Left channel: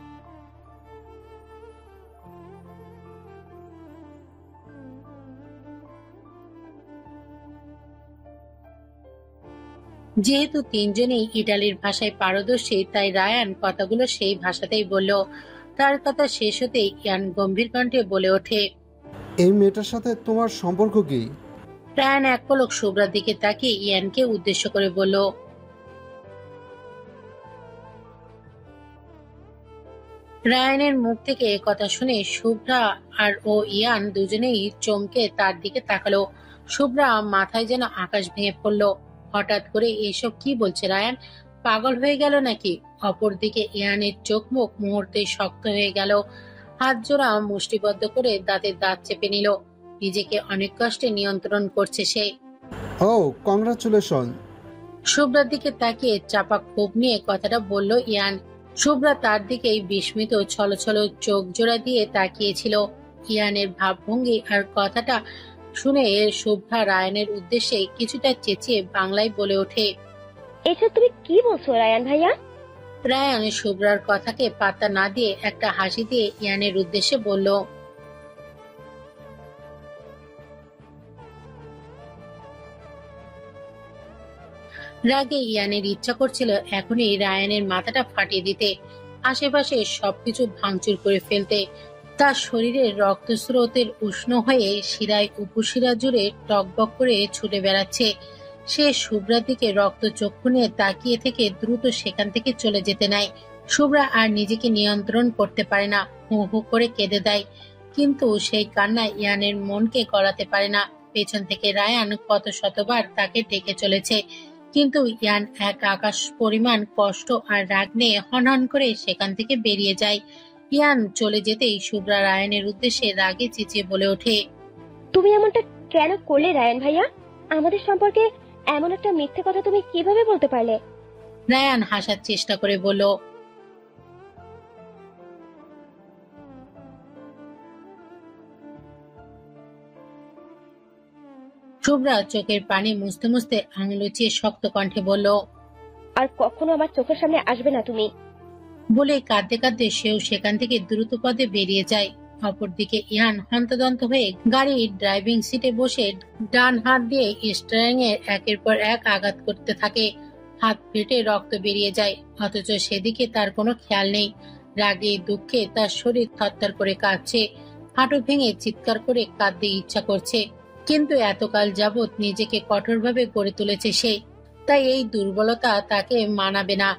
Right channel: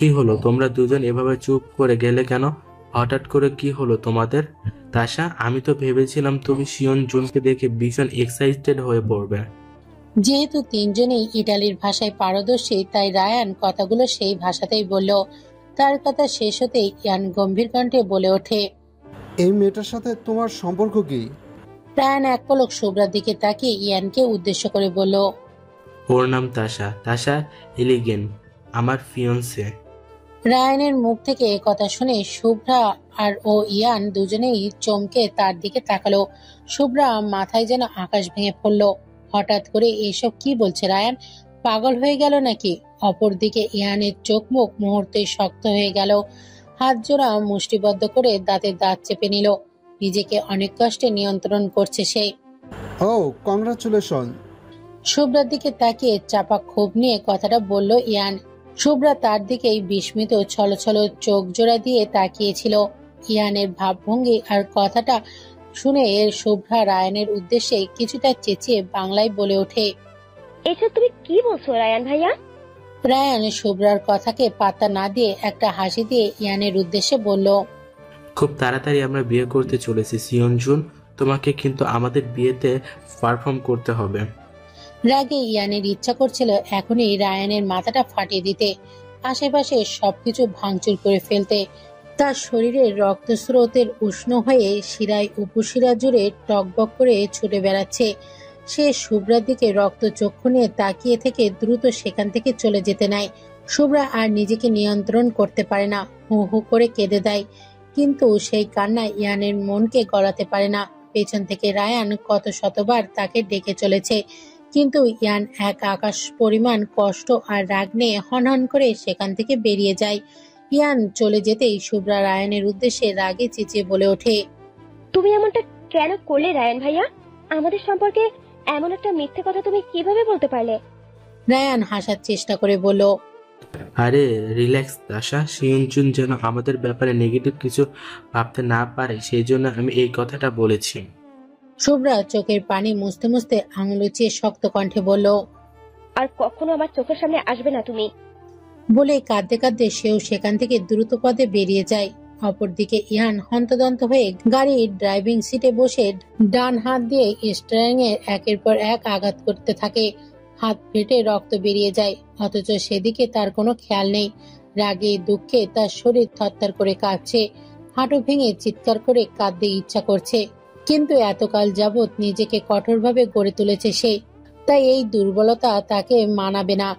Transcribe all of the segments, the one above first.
কি হলো, তোমরা দুজন এভাবে চুপ করে গেলে কেন? হঠাৎ করে কি হলো তোমাদের? তাশা, আমি তো ভেবেছিলাম তুমি শিয়ন জুনকে দেখে ভীষণ এক্সাইটেড হয়ে পড়বে। যেহেতু তিনজনেই ইটালির ভাষায় পারদর্শী, তাই রায়ান কথাগুলো সেই ভাষাতেই বলল। তার কথা শেষ হতেই ইয়ান গম্ভীর কণ্ঠে বলে ওঠে, এই মেয়েটার সাথে তোমার সম্পর্ক কি? রায়ান এক পলক শুভ্রার দিকে তাকিয়ে ইয়ানকে উদ্দেশ্য করে বলল, ওর নাম তাশা, তাশা এলিগেন, আমার ফিয়ন্সে। রায়ানের মুখ থেকে কথা শুনে শুভ্রা আর ও ইয়ান দুজনেই চমকে তার দিকে তাকালো। শুভ্রা মাথায় যেন আকাশ ভেঙে পড়ল। হঠাৎ করে এসব কি বলছে রায়ান? পাগল হয়ে গেল নাকি? অপরদিকে ইয়ানের চোখ মুখ মুহূর্তে শক্ত হয়ে গেল। হাত জোড়া মুষ্টিবদ্ধ করে দাঁতে দাঁত চেপে নিল। নিজেকে অনেক কষ্টে নিয়ন্ত্রণ করছে সে। ও, কংগ্রাচুলেশন। শুভ্রার দিকে তাকিয়ে চাপা ক্ষোভ নিয়ে কথাটা বলল ইয়ান। শুভ্রা তার দিকেই বিস্মিত ছলছল চোখ জোড়া দিয়ে তাকিয়েছিল। ইয়ানের ভাবভঙ্গি আর কথাটা শুনে শুভ্রা রায়ানের উদ্দেশ্যে কিছুটা চেঁচিয়ে বাংলায় বলে ওঠে, এসব তুমি কি বলছো রায়ান ভাইয়া? রায়ান শুভ্রার কথাকে পাত্তা না দিয়ে একটা হাসি দিয়ে ইয়ানের উদ্দেশ্যে বলল, খুব তাড়াতাড়ি আমরা বিয়ে করতে চলেছি শিয়ন জুন, তোমাকে কিন্তু আমাদের বিয়েতে পারফর্ম করতে হবে। রাগে ইয়ানের ইচ্ছা করছিল এখনই রায়ানের মাথাটা ফাটিয়ে দিতে, আশেপাশে সবকিছু ভাঙচুর করে ফেলতে। তার শরীরের রক্তস্রোতের উষ্ণ হয়ে শিরায় উপশিরা জুড়ে টকবক করে ছুটে বেড়াচ্ছে। সে শুভ্রার দিকে রক্তচক্ষু নিয়ে তাকিয়ে থেকে দ্রুত সেখান থেকে চলে যেতে নাই। শুভ্রা আর নিজেকে নিয়ন্ত্রণ করতে পারে না, হু হু করে কেঁদে দেয়। কিন্তু সেই কান্না ইয়ানের মনকে গলাতে পারে না। পেছন থেকে রায়ান কত শতবার তাকে ডেকে চলেছে, কিন্তু ইয়ান এক আকাশ পরিমাণ কষ্ট আর রাগ নিয়ে হনহন করে সেখান থেকে বেরিয়ে যায়। ইয়ান চলে যেতেই শুভ্রা রায়ানের উদ্দেশ্যে রাগে চেঁচিয়ে বলে ওঠে, তুমি এমনটা কেন করলে রায়ান ভাইয়া? আমাদের সম্পর্কে এমন একটা মিথ্যে কথা তুমি কিভাবে বলতে পারলে? রায়ান হাসার চেষ্টা করে বলল, আরে রিল্যাক্স তাশা, শিয়ন জুন যেন আমাদের ব্যাপারে নেগেটিভ কিছু ভাবতে না পারে সেই জন্য আমি এই কথাটা বলেছি। শুভ্রা চোখের পানি মুছতে মুছতে আঙুল উঁচিয়ে শক্ত কণ্ঠে বলল। আর কখনো আমার চোখের সামনে আসবে না তুমি। বলে কাঁদতে কাঁদতে সেও সেখান থেকে দ্রুত পদে বেরিয়ে যায়। অপরদিকে ইয়ান হন্তদন্ত হয়ে গাড়ির ড্রাইভিং সিটে বসে ডান হাত দিয়ে স্টিয়ারিং এর একের পর এক আঘাত করতে থাকে। হাত ফেটে রক্ত বেরিয়ে যায়, অথচ সেদিকে তার কোনো খেয়াল নেই। রাগে দুঃখে তার শরীর থরথর করে কাঁপছে, হাঁটু ভেঙে চিৎকার করে কাঁদতে ইচ্ছা করছে। কিন্তু এতকাল যাবৎ নিজেকে কঠোরভাবে গড়ে তুলেছে সে, তাই এই দুর্বলতা তাকে মানাবে না।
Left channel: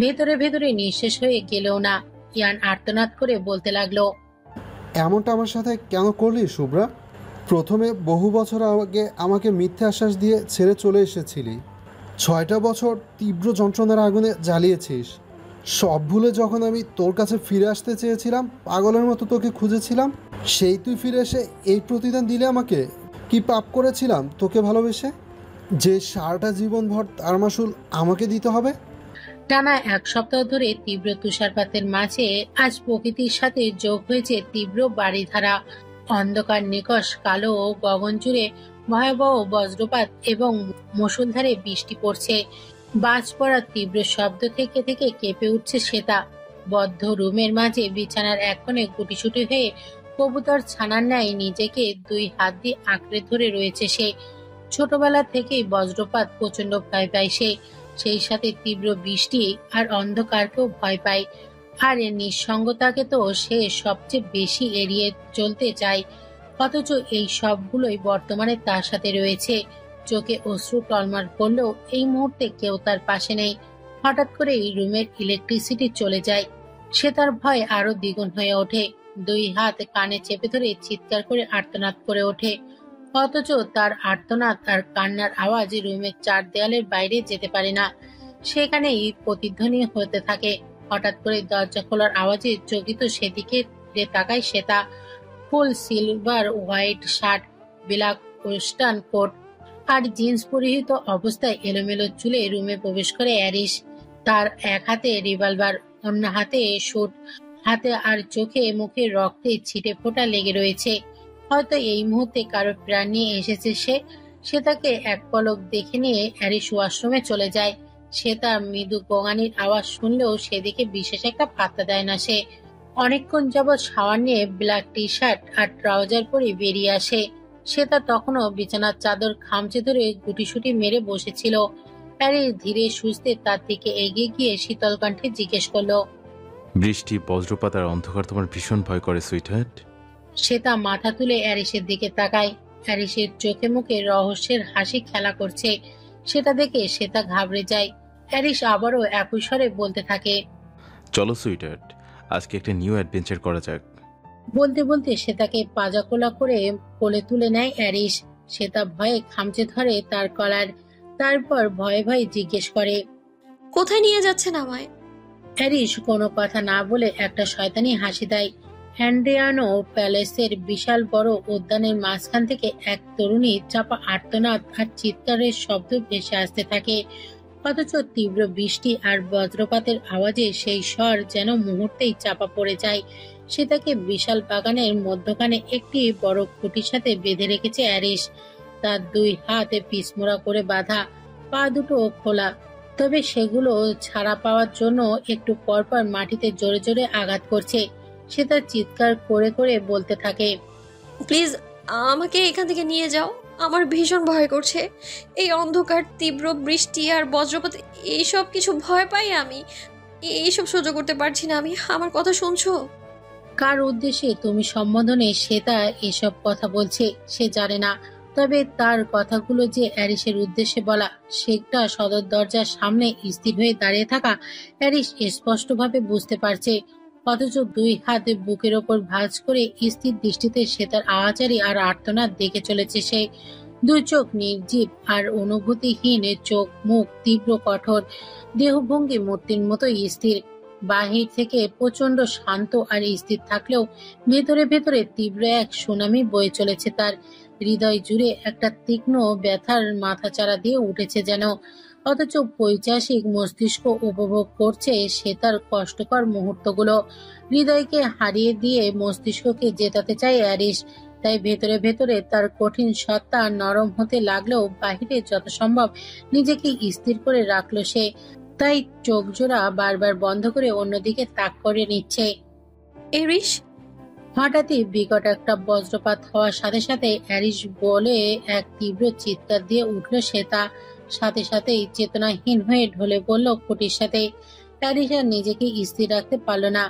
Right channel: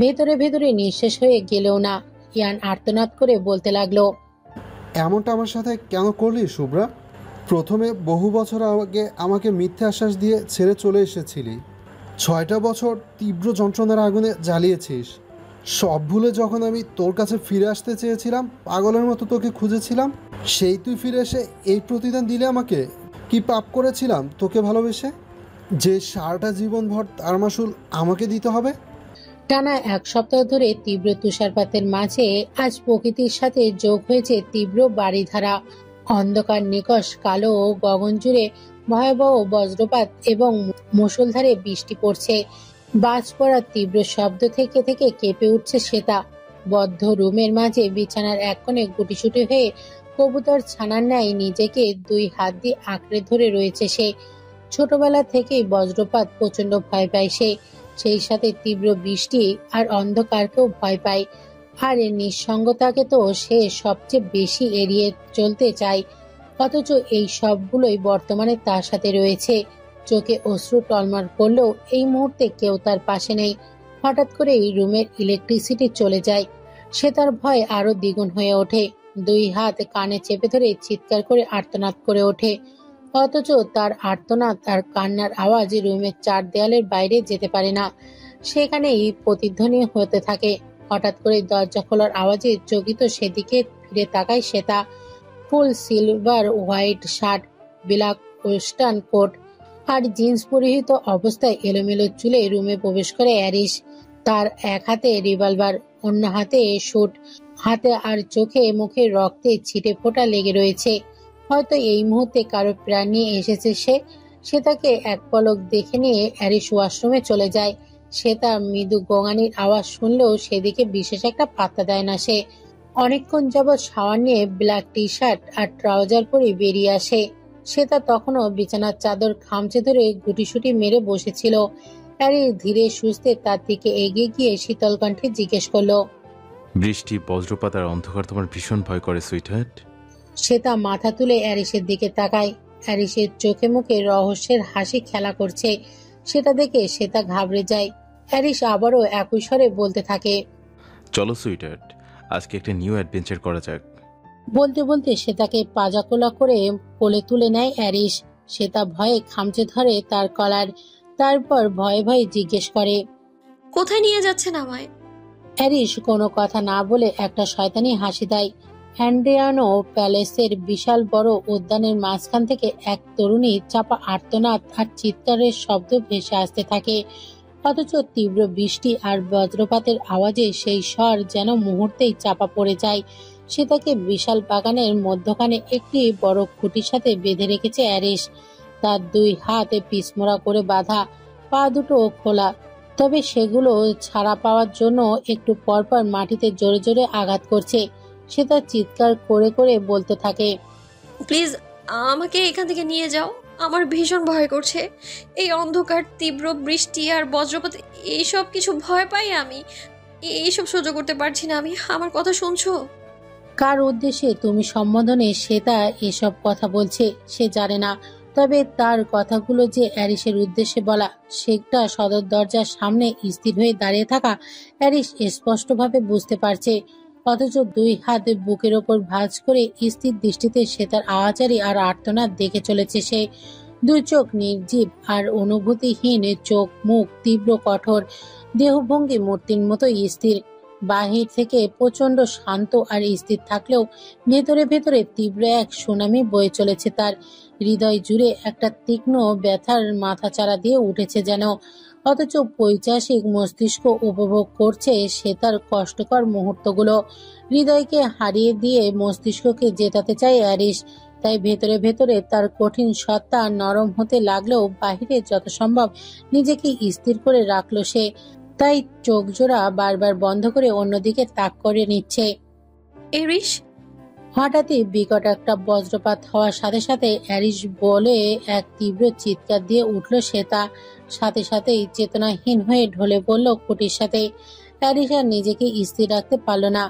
ভেতরে ভেতরে নিঃশেষ হয়ে গেলেও না। ইয়ান আর্তনাদ করে বলতে লাগলো, এমনটা আমার সাথে কেন করলি শুভ্রা? প্রথমে বহু বছর আগে আমাকে মিথ্যে আশ্বাস দিয়ে ছেড়ে চলে এসেছিলি। 6টা বছর তীব্র যন্ত্রণার আগুনে জ্বালিয়েছিস। সব ভুলে যখন আমি তোর কাছে ফিরে আসতে চেয়েছিলাম, পাগলের মতো তোকে খুঁজেছিলাম, সেই তুই ফিরে এসে এই প্রতিদান দিলে আমাকে? কি পাপ করেছিলাম তোকে ভালোবেসে, যে সারাটা জীবনভর তার মাসুল আমাকে দিতে হবে? টানা এক সপ্তাহ ধরে তীব্র তুষারপাতের মাঝে আজ প্রকৃতির সাথে যোগ হয়েছে তীব্র বারিধারা। অন্ধকার নিকষ কালো গগন জুড়ে ভয়াবহ বজ্রপাত এবং মুষলধারে বৃষ্টি পড়ছে। বাজ পড়ার তীব্র শব্দ থেকে থেকে কেঁপে উঠছে শ্বেতা। বদ্ধ রুমের মাঝে বিছানার এক কোণে গুটিসুটি হয়ে কবুতর ছানার ন্যায় নিজেকে দুই হাত দিয়ে আঁকড়ে ধরে রয়েছে সে। ছোটবেলা থেকেই বজ্রপাত প্রচন্ড ভয় পায় সে, সেই সাথে তীব্র বৃষ্টি আর অন্ধকারকেও ভয় পায়। আর এর নিঃসঙ্গতাকে তো সে সবচেয়ে বেশি এড়িয়ে চলতে চায়। অথচ এই সবগুলোই বর্তমানে তার সাথে রয়েছে। চোখে অশ্রু টলমল করলেও এই মুহূর্তে কেউ তার পাশে নেই। হঠাৎ করে এই রুমের ইলেকট্রিসিটি চলে যায়। সে তার ভয় আরো দ্বিগুণ হয়ে ওঠে। দুই হাত কানে চেপে ধরে চিৎকার করে আর্তনাদ করে ওঠে। অথচ তার আর্তনাদ আর কান্নার আওয়াজ রুমের চার দেয়ালের বাইরে যেতে পারে না, সেখানেই প্রতিধ্বনি হতে থাকে। হঠাৎ করে দরজা খোলার আওয়াজে চকিত সেদিকে ফিরে তাকায় Shweta. Full silver white shirt, black western coat আর জিন্স পরিহিত অবস্থায় এলোমেলো চুলে রুমে প্রবেশ করে অ্যারিস। তার এক হাতে রিভলভার, অন্য হাতে শুট, হাতে আর চোখে মুখে রক্তে ছিটে ফোঁটা লেগে রয়েছে। হয়তো এই মুহূর্তে কারো প্রাণ নিয়ে এসেছে সে। সে তাকে এক পলক দেখে নিয়ে অ্যারিস ওয়াশরুমে চলে যায়। সে তার মৃদু গোঙানির আওয়াজ শুনলেও সেদিকে বিশেষ একটা পাত্তা দেয় না সে। অনেকক্ষণ যাবৎ শাওয়ার নিয়ে ব্ল্যাক টি শার্ট আর ট্রাউজার পরে বেরিয়ে আসে। সে তা তখনও বিছানার চাদর খামচে ধরে গুটিসুটি মেরে বসেছিল। প্যারিস ধীরে সুস্থে তার দিকে এগিয়ে গিয়ে শীতল কণ্ঠে জিজ্ঞেস করলো, বৃষ্টি, বজ্রপাত আর অন্ধকার তোমার ভীষণ ভয় করে সুইটহার্ট? সে তা মাথা তুলে অ্যারিসের দিকে তাকায়। অ্যারিসের চোখে মুখে রহস্যের হাসি খেলা করছে। সেটা দেখে সে তা ঘাবড়ে যায়। অ্যারিস আবারও একই স্বরে বলতে থাকে, চলো সুইটহার্ট, আজকে একটা নিউ অ্যাডভেঞ্চার করা যাক। বলতে বলতে সে তাকে পাজাকোলা করে কোলে তুলে নেয় অ্যারিস। সে তা ভয়ে খামচে ধরে তার কলার। তারপর ভয়ে ভয়ে জিজ্ঞেস করে, কোথায় নিয়ে যাচ্ছেন আমায়? অ্যারিস কোনো কথা না বলে একটা শয়তানি হাসি দেয়। হ্যান্ড্রিয়ানো প্যালেসের বিশাল বড় উদ্যানের মাঝখান থেকে এক তরুণী চাপা আর্তনাদ আর চিৎকারের শব্দ ভেসে আসতে থাকে। অথচ তীব্র বৃষ্টি আর বজ্রপাতের আওয়াজে সেই স্বর যেন মুহূর্তেই চাপা পড়ে যায়। সে তাকে বিশাল বাগানের মধ্যখানে একটি বড় খুঁটির সাথে বেঁধে রেখেছে অ্যারিস। তার দুই হাতে পিছমোড়া করে বাঁধা, পা দুটো খোলা, তবে সেগুলো ছাড়া পাওয়ার জন্য একটু পরপর মাটিতে জোরে জোরে আঘাত করছে। সে তার চিৎকার করে করে বলতে থাকে, প্লিজ আমাকে এখান থেকে নিয়ে যাও, আমার ভীষণ ভয় করছে। এই অন্ধকার, তীব্র বৃষ্টি আর বজ্রপাত, এইসব কিছু ভয় পাই আমি। এইসব সহ্য করতে পারছি না আমি। আমার কথা শুনছো? কার উদ্দেশ্যে তুমি সম্বোধনে সে তা এসব কথা বলছে সে জানে না। তবে তার কথাগুলো যে অ্যারিসের উদ্দেশ্যে বলা, সেটা সদর দরজার সামনে স্থির হয়ে দাঁড়িয়ে থাকা অ্যারিস স্পষ্টভাবে বুঝতে পারছে। অথচ দুই হাত বুকের ওপর ভাঁজ করে স্থির দৃষ্টিতে সে তার আওয়াজারি আর আর্তনাদ দেখে চলেছে সে। দুই চোখ নির্জীব আর অনুভূতিহীন, চোখ মুখ তীব্র কঠোর, দেহভঙ্গি মূর্তির মতো স্থির। বাহির থেকে প্রচন্ড শান্ত আর স্থির থাকলেও ভেতরে ভেতরে তীব্র এক সুনামি বয়ে চলেছে তার। হৃদয় জুড়ে একটা তীক্ষ্ণ ব্যথার মাথাচাড়া দিয়ে উঠেছে যেন। অথচ পৈশাচিক মস্তিষ্ক উপভোগ করছে সে তার কষ্টকর মুহূর্তগুলো। হৃদয়কে হারিয়ে দিয়ে মস্তিষ্ককে জেতাতে চায় অ্যারিস। তাই ভেতরে ভেতরে তার কঠিন সত্তা নরম হতে লাগলেও বাহিরে যত সম্ভব নিজেকে স্থির করে রাখলো সে। তাই চোখ জোড়া বারবার বন্ধ করে অন্যদিকে তাক করে নিচ্ছে। এরিস, হঠাৎই বিকট একটা বজ্রপাত হওয়ার সাথে সাথে অ্যারিস বলে এক তীব্র চিৎকার দিয়ে উঠল সে তা। সাথে সাথেই চেতনাহীন হয়ে ঢলে পড়ল খুঁটির সাথে। অ্যারিস আর নিজেকে স্থির রাখতে পারল না।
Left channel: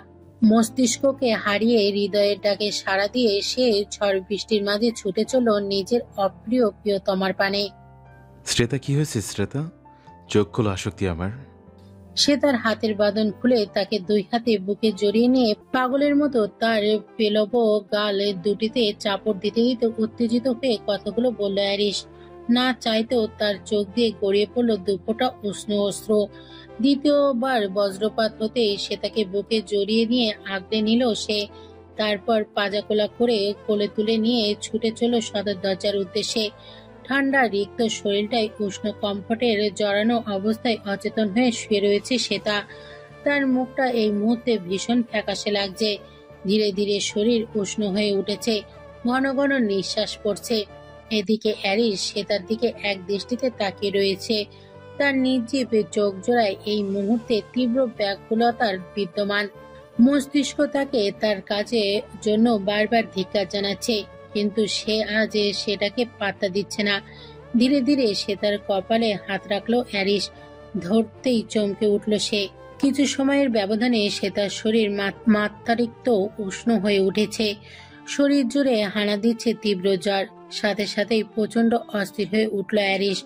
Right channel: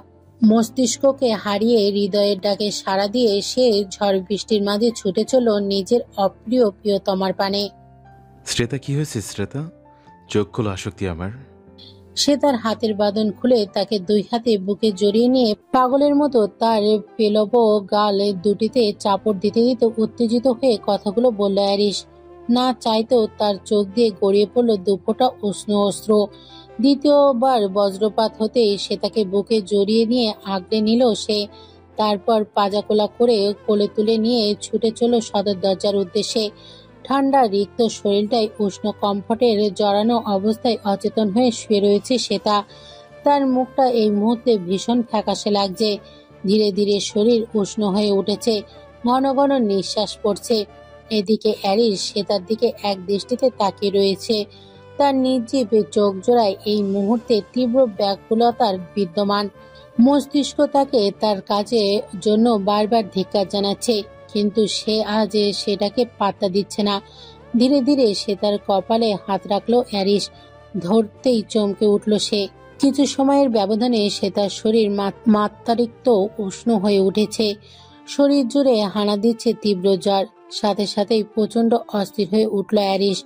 মস্তিষ্ককে হারিয়ে হৃদয়ের ডাকে সাড়া দিয়ে সে ঝড় বৃষ্টির মাঝে ছুটে চলল নিজের অপ্রিয় প্রিয়তমার পানে। শ্রেতা, কি হয়েছে শ্রেতা? চোখ খোলো আসক্তি আমার। সে তার হাতের বাঁধন খুলে তাকে দুই হাতে বুকে জড়িয়ে নিয়ে পাগলের মতো তার পেলব গাল দুটিতে চাপড় দিতে দিতে উত্তেজিত হয়ে কথাগুলো বলল অ্যারিস। না চাইতেও তার চোখ দিয়ে গড়িয়ে পড়ল দুফোঁটা উষ্ণ অস্ত্র। দ্বিতীয়বার বজ্রপাত হতেই সে তাকে বুকে জড়িয়ে নিয়ে আগলে নিল সে। তারপর পাজাকোলা করে কোলে তুলে নিয়ে ছুটে চলল সদর দরজার উদ্দেশ্যে। ঠান্ডা রিক্ত শরীরটাই উষ্ণ কমফর্টের জড়ানো অবস্থায় অচেতন হয়ে শুয়ে রয়েছে সেটা। তার মুখটা এই মুহূর্তে ভীষণ ফ্যাকাশে লাগছে। ধীরে ধীরে শরীর উষ্ণ হয়ে উঠেছে, ঘন ঘন নিঃশ্বাস পড়ছে। এদিকে অ্যারিস সেটার দিকে এক দৃষ্টিতে তাকিয়ে রয়েছে। তার নির্জীব চোখ জোড়ায় এই মুহূর্তে তীব্র ব্যাকুলতার বিদ্যমান। মস্তিষ্ক তাকে তার কাজের জন্য বারবার ধিক্কার জানাচ্ছে, কিন্তু সে আজ সেটাকে পাত্তা দিচ্ছে না। ধীরে ধীরে সে তার কপালে হাত রাখলো অ্যারিস। ধরতেই চমকে উঠল সে। কিছু সময়ের ব্যবধানে সে তার শরীর মাত্রাতিরিক্ত উষ্ণ হয়ে উঠেছে। শরীর জুড়ে হানা দিচ্ছে তীব্র জ্বর। সাথে সাথেই প্রচন্ড অস্থির হয়ে উঠল অ্যারিস।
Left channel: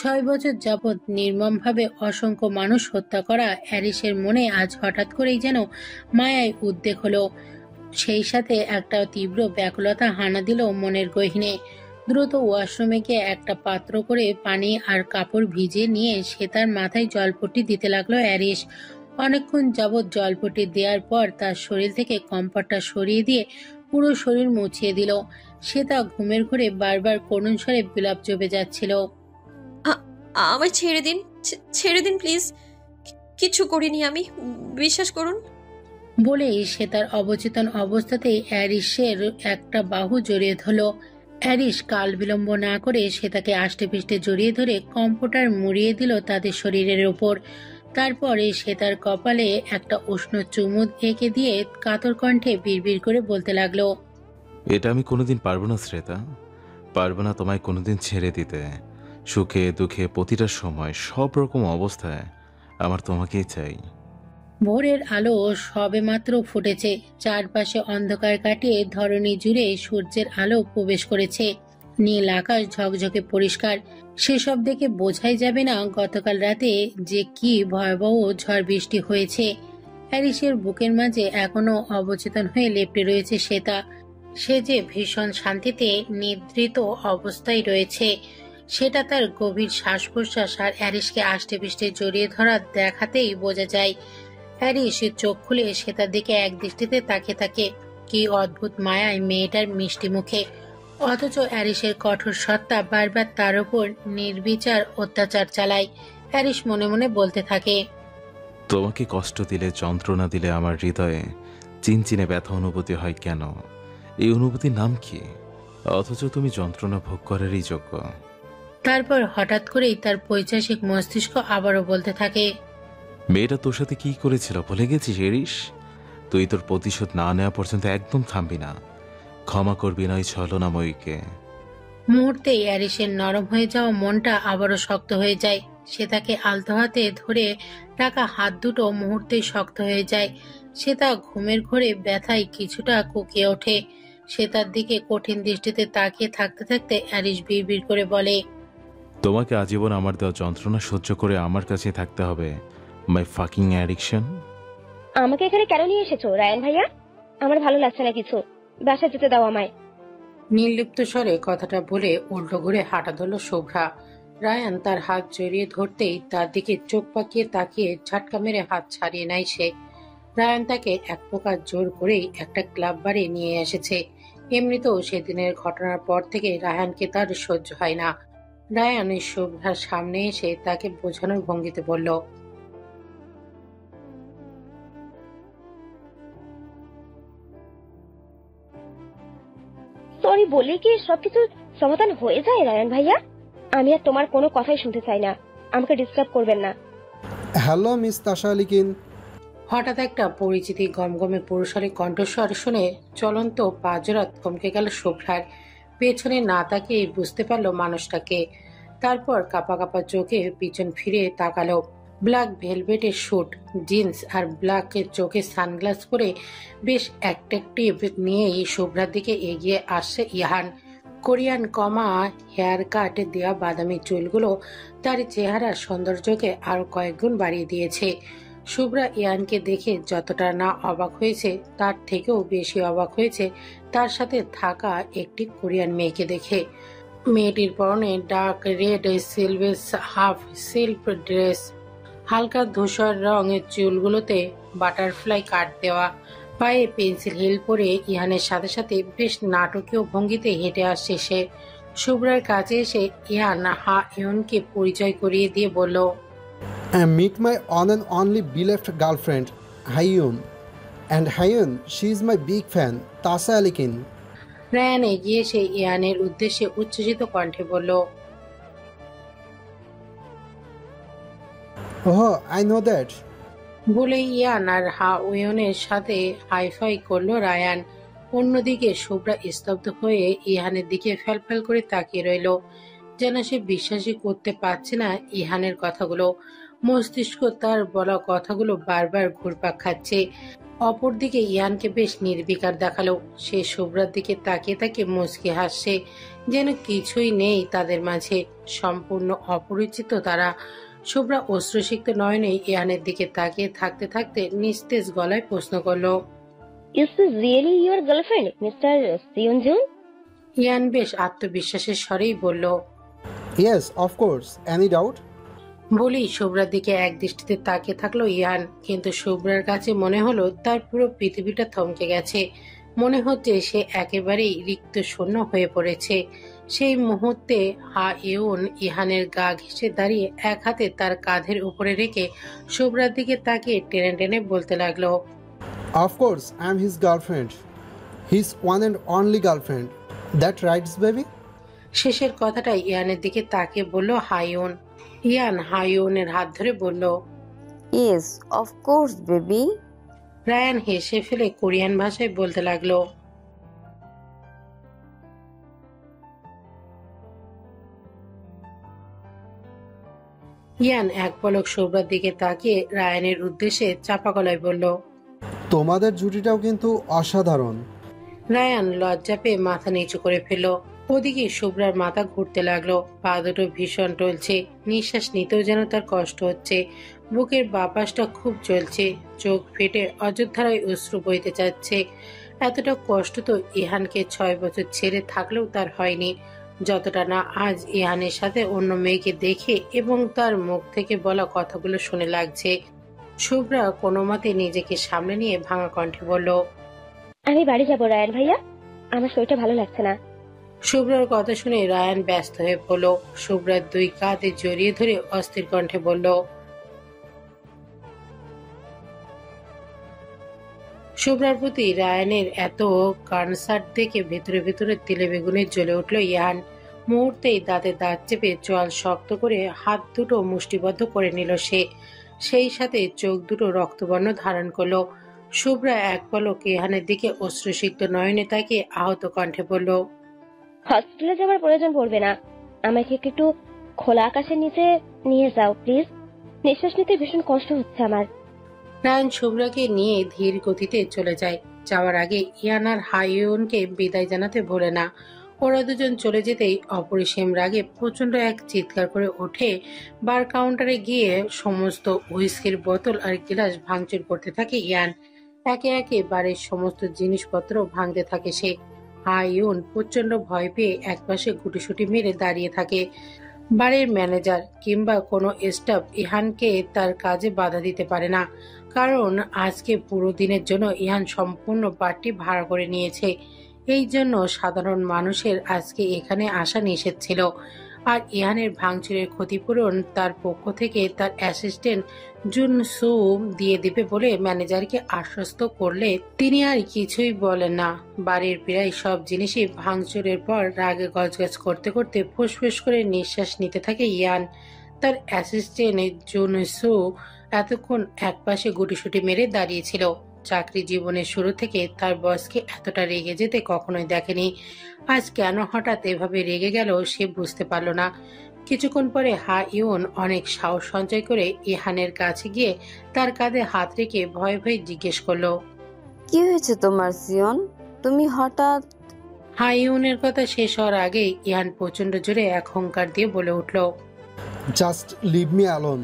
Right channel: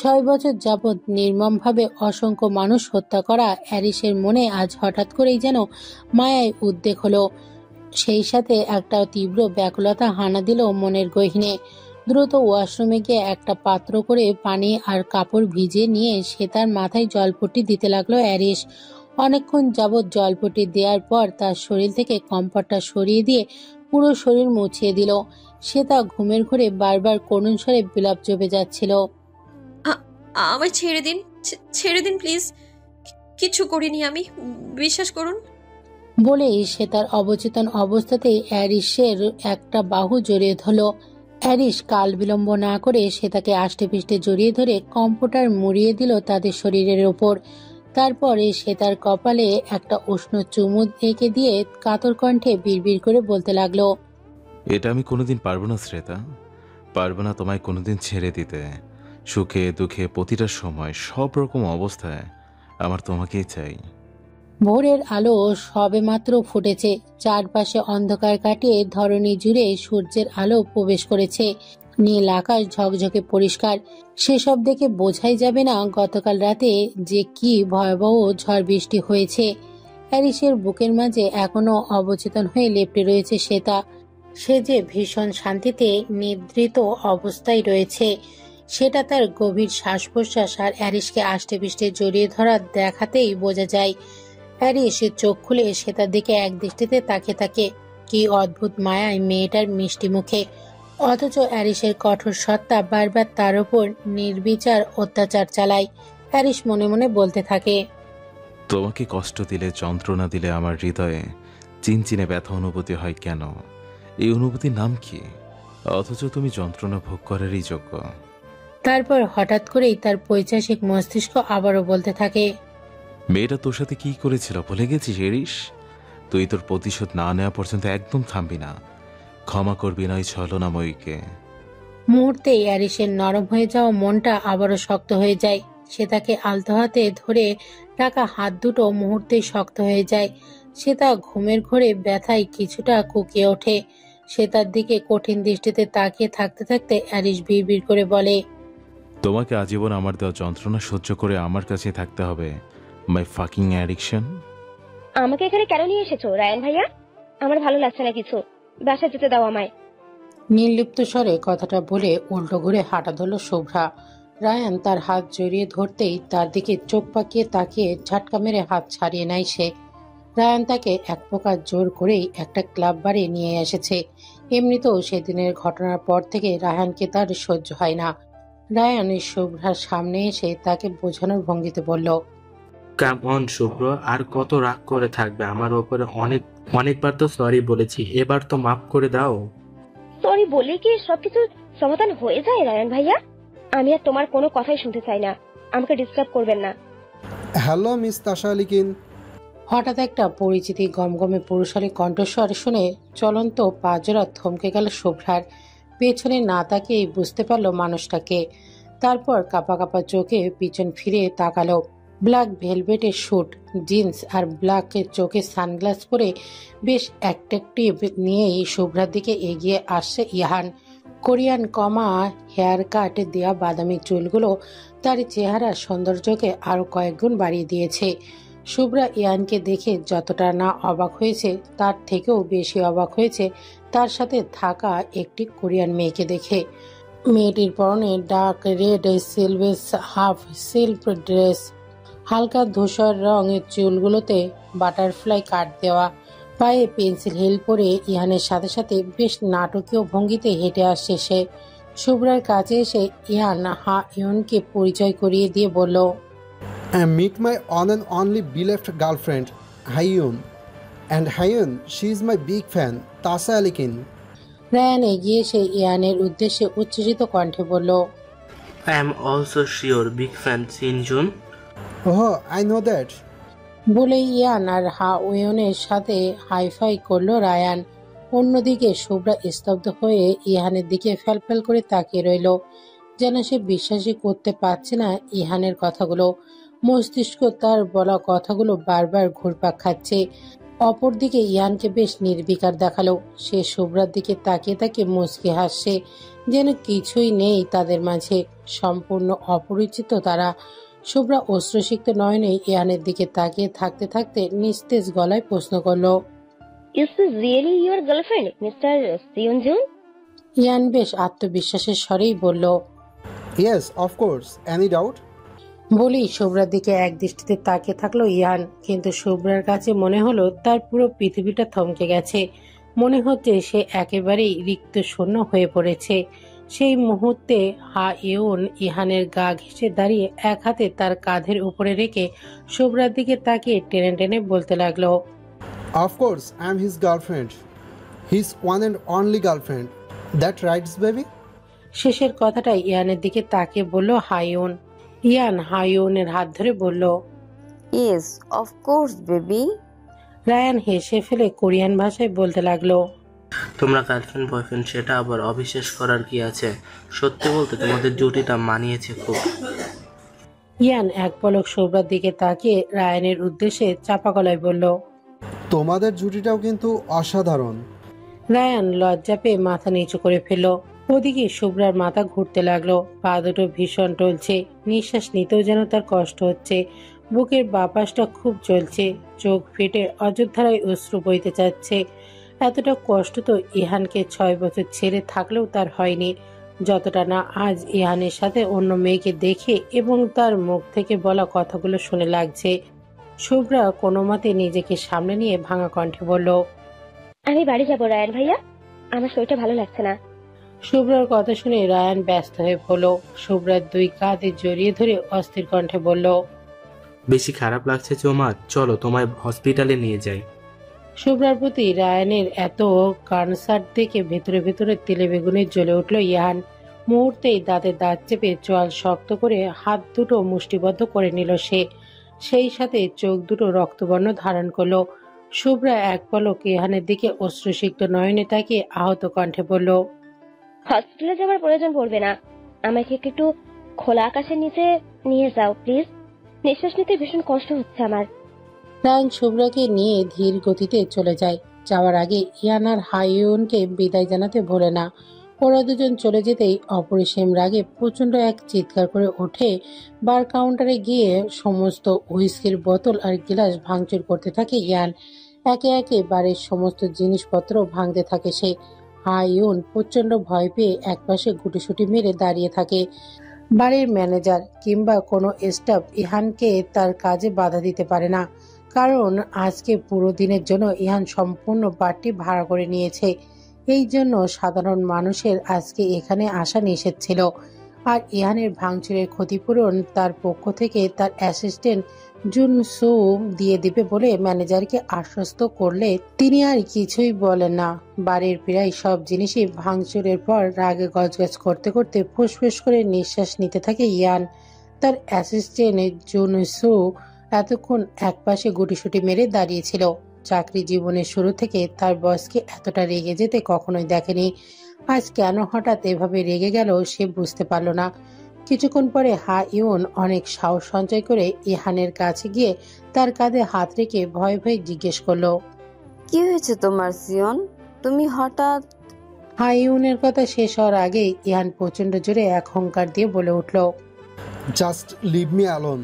6 বছর যাবৎ নির্মমভাবে অসংখ্য মানুষ হত্যা করা অ্যারিসের মনে আজ হঠাৎ করেই যেন মায়ায় উদ্বেগ হলো। সেই সাথে একটা তীব্র ব্যাকুলতা হানা দিল মনের গহীনে। দ্রুত ওয়াশরুমে গিয়ে একটা পাত্র করে পানি আর কাপড় ভিজিয়ে নিয়ে সে তার মাথায় জলপট্টি দিতে লাগলো অ্যারিস। অনেকক্ষণ যাবৎ জলপট্টি দেওয়ার পর তার শরীর থেকে কম্পটটা সরিয়ে দিয়ে পুরো শরীর মুছিয়ে দিল। সে তা ঘুমের ঘোরে বারবার করুণ স্বরে বিলাপ জমে যাচ্ছিল। আমায় ছেড়ে দিন, ছেড়ে দিন প্লিজ। কিছু করিনি আমি, বিশ্বাস করুন। বলেই সে তার অবচেতন অবস্থাতেই অ্যারিসের একটা বাহু জড়িয়ে ধরল। অ্যারিস কাল বিলম্ব না করে শ্বেতাকে আষ্টেপৃষ্টে জড়িয়ে ধরে কম্পিউটার মুড়িয়ে দিল তাদের শরীরের ওপর। তারপরে শ্বেতার কপালে একটা উষ্ণ চুমুদ এঁকে দিয়ে কাতর কণ্ঠে বিড়বিড় করে বলতে লাগলো, এটা আমি কোনোদিন পারবো না শ্রেতা, পারবো না তোমায় কোনোদিন ছেড়ে দিতে। সুখে দুঃখে প্রতিটা সময় সব রকম অবস্থায় আমার তোমাকেই চাই। ভোরের আলো সবেমাত্র ফুটেছে, চারপাশে অন্ধকার কাটিয়ে ধরণী জুড়ে সূর্যের আলো প্রবেশ করেছে। নীল আকাশ ঝকঝকে পরিষ্কার। সেসব দেখে বোঝাই যাবে না গতকাল রাতে যে কি ভয়াবহ ঝড় বৃষ্টি হয়েছে। হ্যারিসের বুকের মাঝে এখনো অবচেতন হয়ে লেপ্টে রয়েছে শ্বেতা। সে যে ভীষণ শান্তিতে নিদ্রিত অবস্থায় রয়েছে সেটা তার গভীর শ্বাস প্রশ্বাস আর হ্যারিসকে আষ্টেপৃষ্টে জড়িয়ে ধরা দেখাতেই বোঝা যায়। হ্যারিস চোখ খুলে শ্বেতার দিকে এক দৃষ্টিতে তাকিয়ে থাকে। কি অদ্ভুত মায়ায় মেয়েটার মিষ্টি মুখে, অথচ হ্যারিসের কঠোর সত্তা বারবার তার উপর নির্বিচার অত্যাচার চালায়। হ্যারিস মনে মনে বলতে থাকে, তোমাকে কষ্ট দিলে, যন্ত্রণা দিলে আমার হৃদয়ে চিনচিনে ব্যথা অনুভূতি হয় কেন? এই অনুভূতির নাম কি? অথচ তুমি যন্ত্রণা ভোগ করারই যোগ্য। তারপর হঠাৎ করেই তার পৈশাচিক মস্তিষ্ক আবারও বলতে থাকে, মেয়েটা তোর সাথে কি করেছিল ভুলে গেছিস এরিস? তুই তোর প্রতিশোধ না নেওয়া পর্যন্ত একদম থামবি না। ক্ষমা করবি না ওই ছলনাময়ীকে। মুহূর্তে হ্যারিসের নরম হয়ে যাওয়া মনটা আবারও শক্ত হয়ে যায়। সে তাকে আলতো হাতে ধরে রাখা হাত দুটো মুহূর্তে শক্ত হয়ে যায়। সে তা ঘুমের ঘোরে ব্যথায় কিছুটা কুকিয়ে ওঠে। সে তার দিকে কঠিন দৃষ্টিতে তাকিয়ে থাকতে থাকতে হ্যারিস বিড়বিড় করে বলে, তোমাকে আজীবন আমার দেওয়া যন্ত্রণা সহ্য করে আমার কাছে থাকতে হবে। মাই ফাকিং অ্যাডিকশন। আমাকে এখানে কেন নিয়ে এসেছো রায়ান ভাইয়া? আমার ভালো লাগছে না কিছু, বাসা যেতে দাও আমায়। নির্লিপ্ত স্বরে কথাটা বলে উল্টো ঘুরে হাঁটা ধরল শুভ্রা। রায়ান তার হাত জড়িয়ে ধরতেই তার দিকে চোখ পাকিয়ে তাকিয়ে ঝাটকা মেরে হাত ছাড়িয়ে নেয় সে। রায়ান তাকে এক প্রকার জোর করেই একটা ক্লাব বাড়ি নিয়ে এসেছে। এমনিতেও সেদিনের ঘটনার পর থেকে রায়ানকে তার সহ্য হয় না। রায়ান শুভ্রার সামনে এসে তাকে বোঝানোর ভঙ্গিতে বলল, কেমন শুভ্র, আর কত রাগ করে থাকবে আমার ওপরে? অনেকবার তো সরি বলেছি, এবার তো মাফ করে দাও। সরি বলে কি সবকিছু সমাধান হয়ে যায় রায়ান ভাইয়া? আমি আর তোমার কোনো কথাই শুনতে চাই না, আমাকে ডিস্টার্ব করবেন না। Hello Miss Tasha Alikin. হঠাৎ একটা পরিচিতি গমগমে পুরুষালী কণ্ঠস্বর শুনে চলন্ত পাজরা থমকে গেল শুভ্রার। পেছনে না তাকিয়ে বুঝতে পারল মানুষটাকে। তারপর কাপা কাপা চোখে পিছন ফিরে তাকালো। ব্ল্যাক ভেলভেটের স্যুট, জিন্স আর ব্ল্যাকের চোখে সানগ্লাস পরে বেশ অ্যাট্রাকটিভ নিয়েই শুভ্রার দিকে এগিয়ে আসছে ইহান। কোরিয়ান কমা হেয়ার কাট দেওয়া বাদামি চুলগুলো তার চেহারার সৌন্দর্যকে আরো কয়েকগুণ বাড়িয়ে দিয়েছে। শুভ্রা ইয়ানকে দেখে যতটা না অবাক হয়েছে তার থেকেও বেশি অবাক হয়েছে তার সাথে থাকা একটি কোরিয়ান মেয়েকে দেখে। মেয়েটির পরনে dark red sleeveless half silk dress, হালকা ধূসর রঙের চুলগুলোতে বাটারফ্লাই কাট দেওয়া, পায়ে পেন্সিল হিল পরে ইহানের সাথে সাথে বেশ নাটকীয় ভঙ্গিতে হেঁটে আসছে সে। শুভ্রার কাছে এসে ইহান হা ইয়নকে পরিচয় করিয়ে দিয়ে বলল, Meet my on and only beloved girlfriend, Hyun. And Hyun, she is my big fan, Tasha Alikin. Ryan এগিয়ে এসে ইয়ানের উদ্দেশ্যে উচ্ছ্বসিত কণ্ঠে বলল, I am also sure big fan Sinjun. Oh, I know that. বলে ইয়ান আর হা ওয়নের সাথে হাইফাই করলো রায়ান। অন্যদিকে শুভ্রা স্তব্ধ হয়ে ইহানের দিকে ফেলফেল করে তাকিয়ে রইল, যেন সে বিশ্বাসই করতে পারছে না ইহানের কথাগুলো। মস্তিষ্ক তার বলা কথাগুলো বারবার ঘুরপাক খাচ্ছে। অপরদিকে ইয়ানকে বেশ নির্বিকার দেখালো। সে শুভ্রার দিকে তাকিয়ে তাকিয়ে মুচকি হাসছে, যেন কিছুই নেই তাদের মাঝে, সম্পূর্ণ অপরিচিত তারা। শুভ্রা অশ্রুসিক্ত নয়নে ইয়ানের দিকে তাকিয়ে থাকতে থাকতে নিস্তেজ গলায় প্রশ্ন করলো, is this really your girlfriend Mister Seonjun? Ian বেশ আত্মবিশ্বাসের স্বরেই বলল। Yes, of course. Any doubt? বলেই শুভ্রার দিকে এক দৃষ্টিতে তাকিয়ে থাকলো ইয়ান। কিন্তু শুভ্রার কাছে মনে হলো তার পুরো পৃথিবীটা থমকে গেছে। মনে হচ্ছে সে একেবারেই রিক্ত শূন্য হয়ে পড়েছে। সেই মুহূর্তে হা ইয়ন ইহানের গা ঘেঁষে দাঁড়িয়ে এক হাতে তার কাঁধের উপরে রেখে শুভ্রার দিকে তাকিয়ে টেনে টেনে বলতে লাগলো, Of course, I'm his girlfriend. His one and only girlfriend. That rights baby. শেষের কথাটা ইয়ানের দিকে তাকে বলল হাইউন। ইয়ান হাইউনের হাত ধরে বলল, yes of course baby. Ryan হেসে ফেলে কোরিয়ান ভাষায় বলতে লাগলো, তোমরা গার্লফ্রেন্ড বয়ফ্রেন্ড সেটা আবার অবিশ্বাস করার কি আছে? সত্যি বলতে তোমাদের জুটিটা মানিয়েছে খুব। ইয়ান এক পলক শুভ্রার দিকে তাকিয়ে রায়ানের উদ্দেশ্যে চাপা গলায় বলল। তোমাদের জুটিটাও কিন্তু অসাধারণ। রায়ান লজ্জা পেয়ে মাথা নিচু করে ফেলল। ওদিকে শুভ্রার মাথা ঘুরতে লাগলো, পা দুটো ভীষণ টলছে, নিঃশ্বাস নিতেও যেন তার কষ্ট হচ্ছে, বুকের বাপাসটা খুব জ্বলছে, চোখ ফেটে অযোধ্যারায় অশ্রু বইতে চাচ্ছে। এতটা কষ্ট তো ইহানকে 6 বছর ছেড়ে থাকলেও তার হয়নি, যতটা না আজ ইহানের সাথে অন্য মেয়েকে দেখে এবং তার মুখ থেকে বলা কথাগুলো শুনে লাগছে। শুভ্রা কোনো মতে নিজেকে সামনে নিয়ে ভাঙা কণ্ঠে বলল, আমি বাড়ি যাবো রায়ান ভাইয়া, আমার শরীরটা ভালো লাগছে না। শুভ্রার কথা শুনে রায়ান ব্যস্ত হয়ে পড়ল। শুভ্রার 2 কাঁধে জড়িয়ে ধরে অস্থির কণ্ঠে বলল, বেশি খারাপ লাগছে চোমা, চলো তোমায় হসপিটালে নিয়ে যাই। শুভ্রার প্রতি রায়ানের এত কনসার্ট দেখে ভেতরে ভেতরে তেলে বেগুনে জ্বলে উঠল ইহান। মুহূর্তেই দাঁতে দাঁত চেপে চোয়াল শক্ত করে হাত দুটো মুষ্টিবদ্ধ করে নিল সে, সেই সাথে চোখ দুটো রক্তবর্ণ ধারণ করলো। শুভ্রা এক পলক ইহানের দিকে অশ্রুসিক্ত নয়নে তাকিয়ে আহত কণ্ঠে বলল, হসপিটালে যাওয়ার প্রয়োজন পড়বে না, আমাকে একটু খোলা আকাশের নিচে নিয়ে যাও প্লিজ, নিঃশ্বাস নিতে ভীষণ কষ্ট হচ্ছে আমার। রায়ান শুভ্রাকে নিয়ে ধীর গতিতে চলে যায়। যাওয়ার আগে ইয়ান আর হাইউনকে বিদায় জানাতে ভোলে না। ওরা দুজন চলে যেতেই অপরিসীম রাগে প্রচন্ড এক চিৎকার করে ওঠে। বার কাউন্টারে গিয়ে সমস্ত হুইস্কির বোতল আর গিলাস ভাঙচুর করতে থাকে ইয়ান। একে একে বাড়ির সমস্ত জিনিসপত্র ভাঙতে থাকে সে। হাইউন প্রচন্ড ভয় পেয়ে একপাশে গুটিসুটি মেরে দাঁড়িয়ে থাকে। বাড়ির ম্যানেজার কিংবা কোনো স্টাফ ইহানকে তার কাজে বাধা দিতে পারে না, কারণ আজকে পুরো দিনের জন্য ইহান সম্পূর্ণ বাড়িটি ভাড়া করে নিয়েছে। এই জন্য সাধারণ মানুষের আজকে এখানে আসা নিষেধ ছিল। আর ইহানের ভাঙচুরের ক্ষতিপূরণ তার পক্ষ থেকে তার অ্যাসিস্ট্যান্ট জুন সু দিয়ে দিবে বলে ম্যানেজারকে আশ্বস্ত করলে তিনি আর কিছুই বলেন না। বাড়ির প্রায় সব জিনিসই ভাঙচুরের পর রাগে গজগজ করতে করতে ফুসফুস করে নিঃশ্বাস নিতে থাকে ইয়ান। তার অ্যাসিস্ট্যান্ট জুন সু এতক্ষণ একপাশে গুটিসুটি মেরে দাঁড়িয়েছিল। চাকরি জীবনের শুরু থেকে তার বসকে এতটা রেগে যেতে কখনোই দেখেনি। আজ কেন হঠাৎ এভাবে রেগে গেল সে বুঝতে পারল না। কিছুক্ষণ পরে হাইউন অনেক সাহস সঞ্চয় করে ইহানের কাছে গিয়ে তার কাঁধে হাত রেখে ভয়ে ভয়ে জিজ্ঞেস করলো, কি হয়েছে তোমার সিয়ন, তুমি হঠাৎ? হাইউনের কথা শেষ হওয়ার আগে ইহান প্রচন্ড জোরে এক হুঙ্কার দিয়ে বলে উঠল, জাস্ট লিভ মি অ্যালোন।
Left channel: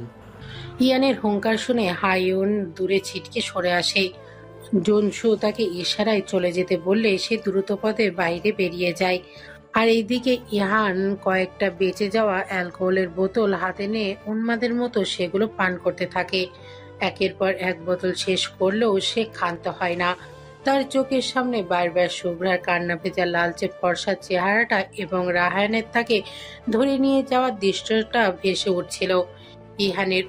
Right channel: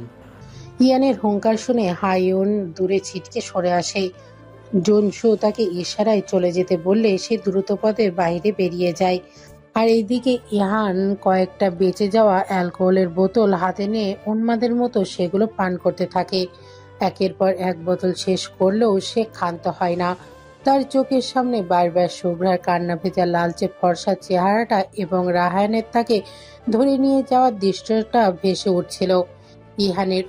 ইয়ানের হুঙ্কার শুনে হাইউন দূরে ছিটকে সরে আসে। জনসু তাকে ইশারায় চলে যেতে বললে সে দ্রুতপদে বাইরে বেরিয়ে যায়। আর এইদিকে ইহান কয়েকটা বেঁচে যাওয়া অ্যালকোহলের বোতল হাতে নিয়ে উন্মাদের মতো সেগুলো পান করতে থাকে। একের পর এক বোতল শেষ করলেও সে ক্ষান্ত হয় না। তার চোখের সামনে বারবার শুভ্রার কান্না ভেজা লালচে ফর্সা চেহারাটা এবং রাহায়ানের তাকে ধরে নিয়ে যাওয়ার দৃশ্যটা ভেসে উঠছিল। ইহানের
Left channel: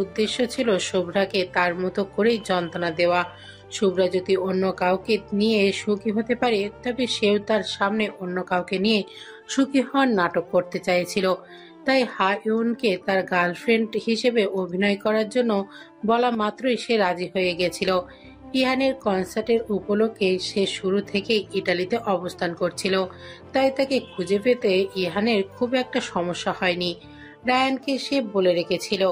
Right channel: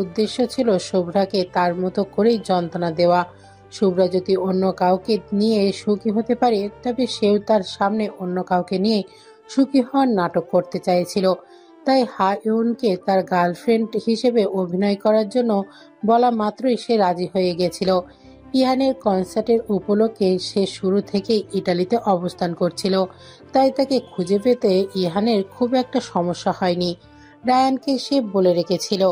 উদ্দেশ্য ছিল শুভ্রাকে তার মতো করেই যন্ত্রণা দেওয়া। শুভ্রা যদি অন্য কাউকে নিয়ে সুখী হতে পারে তবে সেও তার সামনে অন্য কাউকে নিয়ে সুখী হওয়ার নাটক করতে চাইছিল। তাই হাইউনকে তার গার্লফ্রেন্ড হিসেবে অভিনয় করার জন্য বলা মাত্রই সে রাজি হয়ে গেছিল। ইহানের কনসার্টের উপলক্ষে সে শুরু থেকেই ইটালিতে অবস্থান করছিল, তাই তাকে খুঁজে পেতে ইহানের খুব একটা সমস্যা হয়নি। রায়ানকে সে বলে রেখেছিল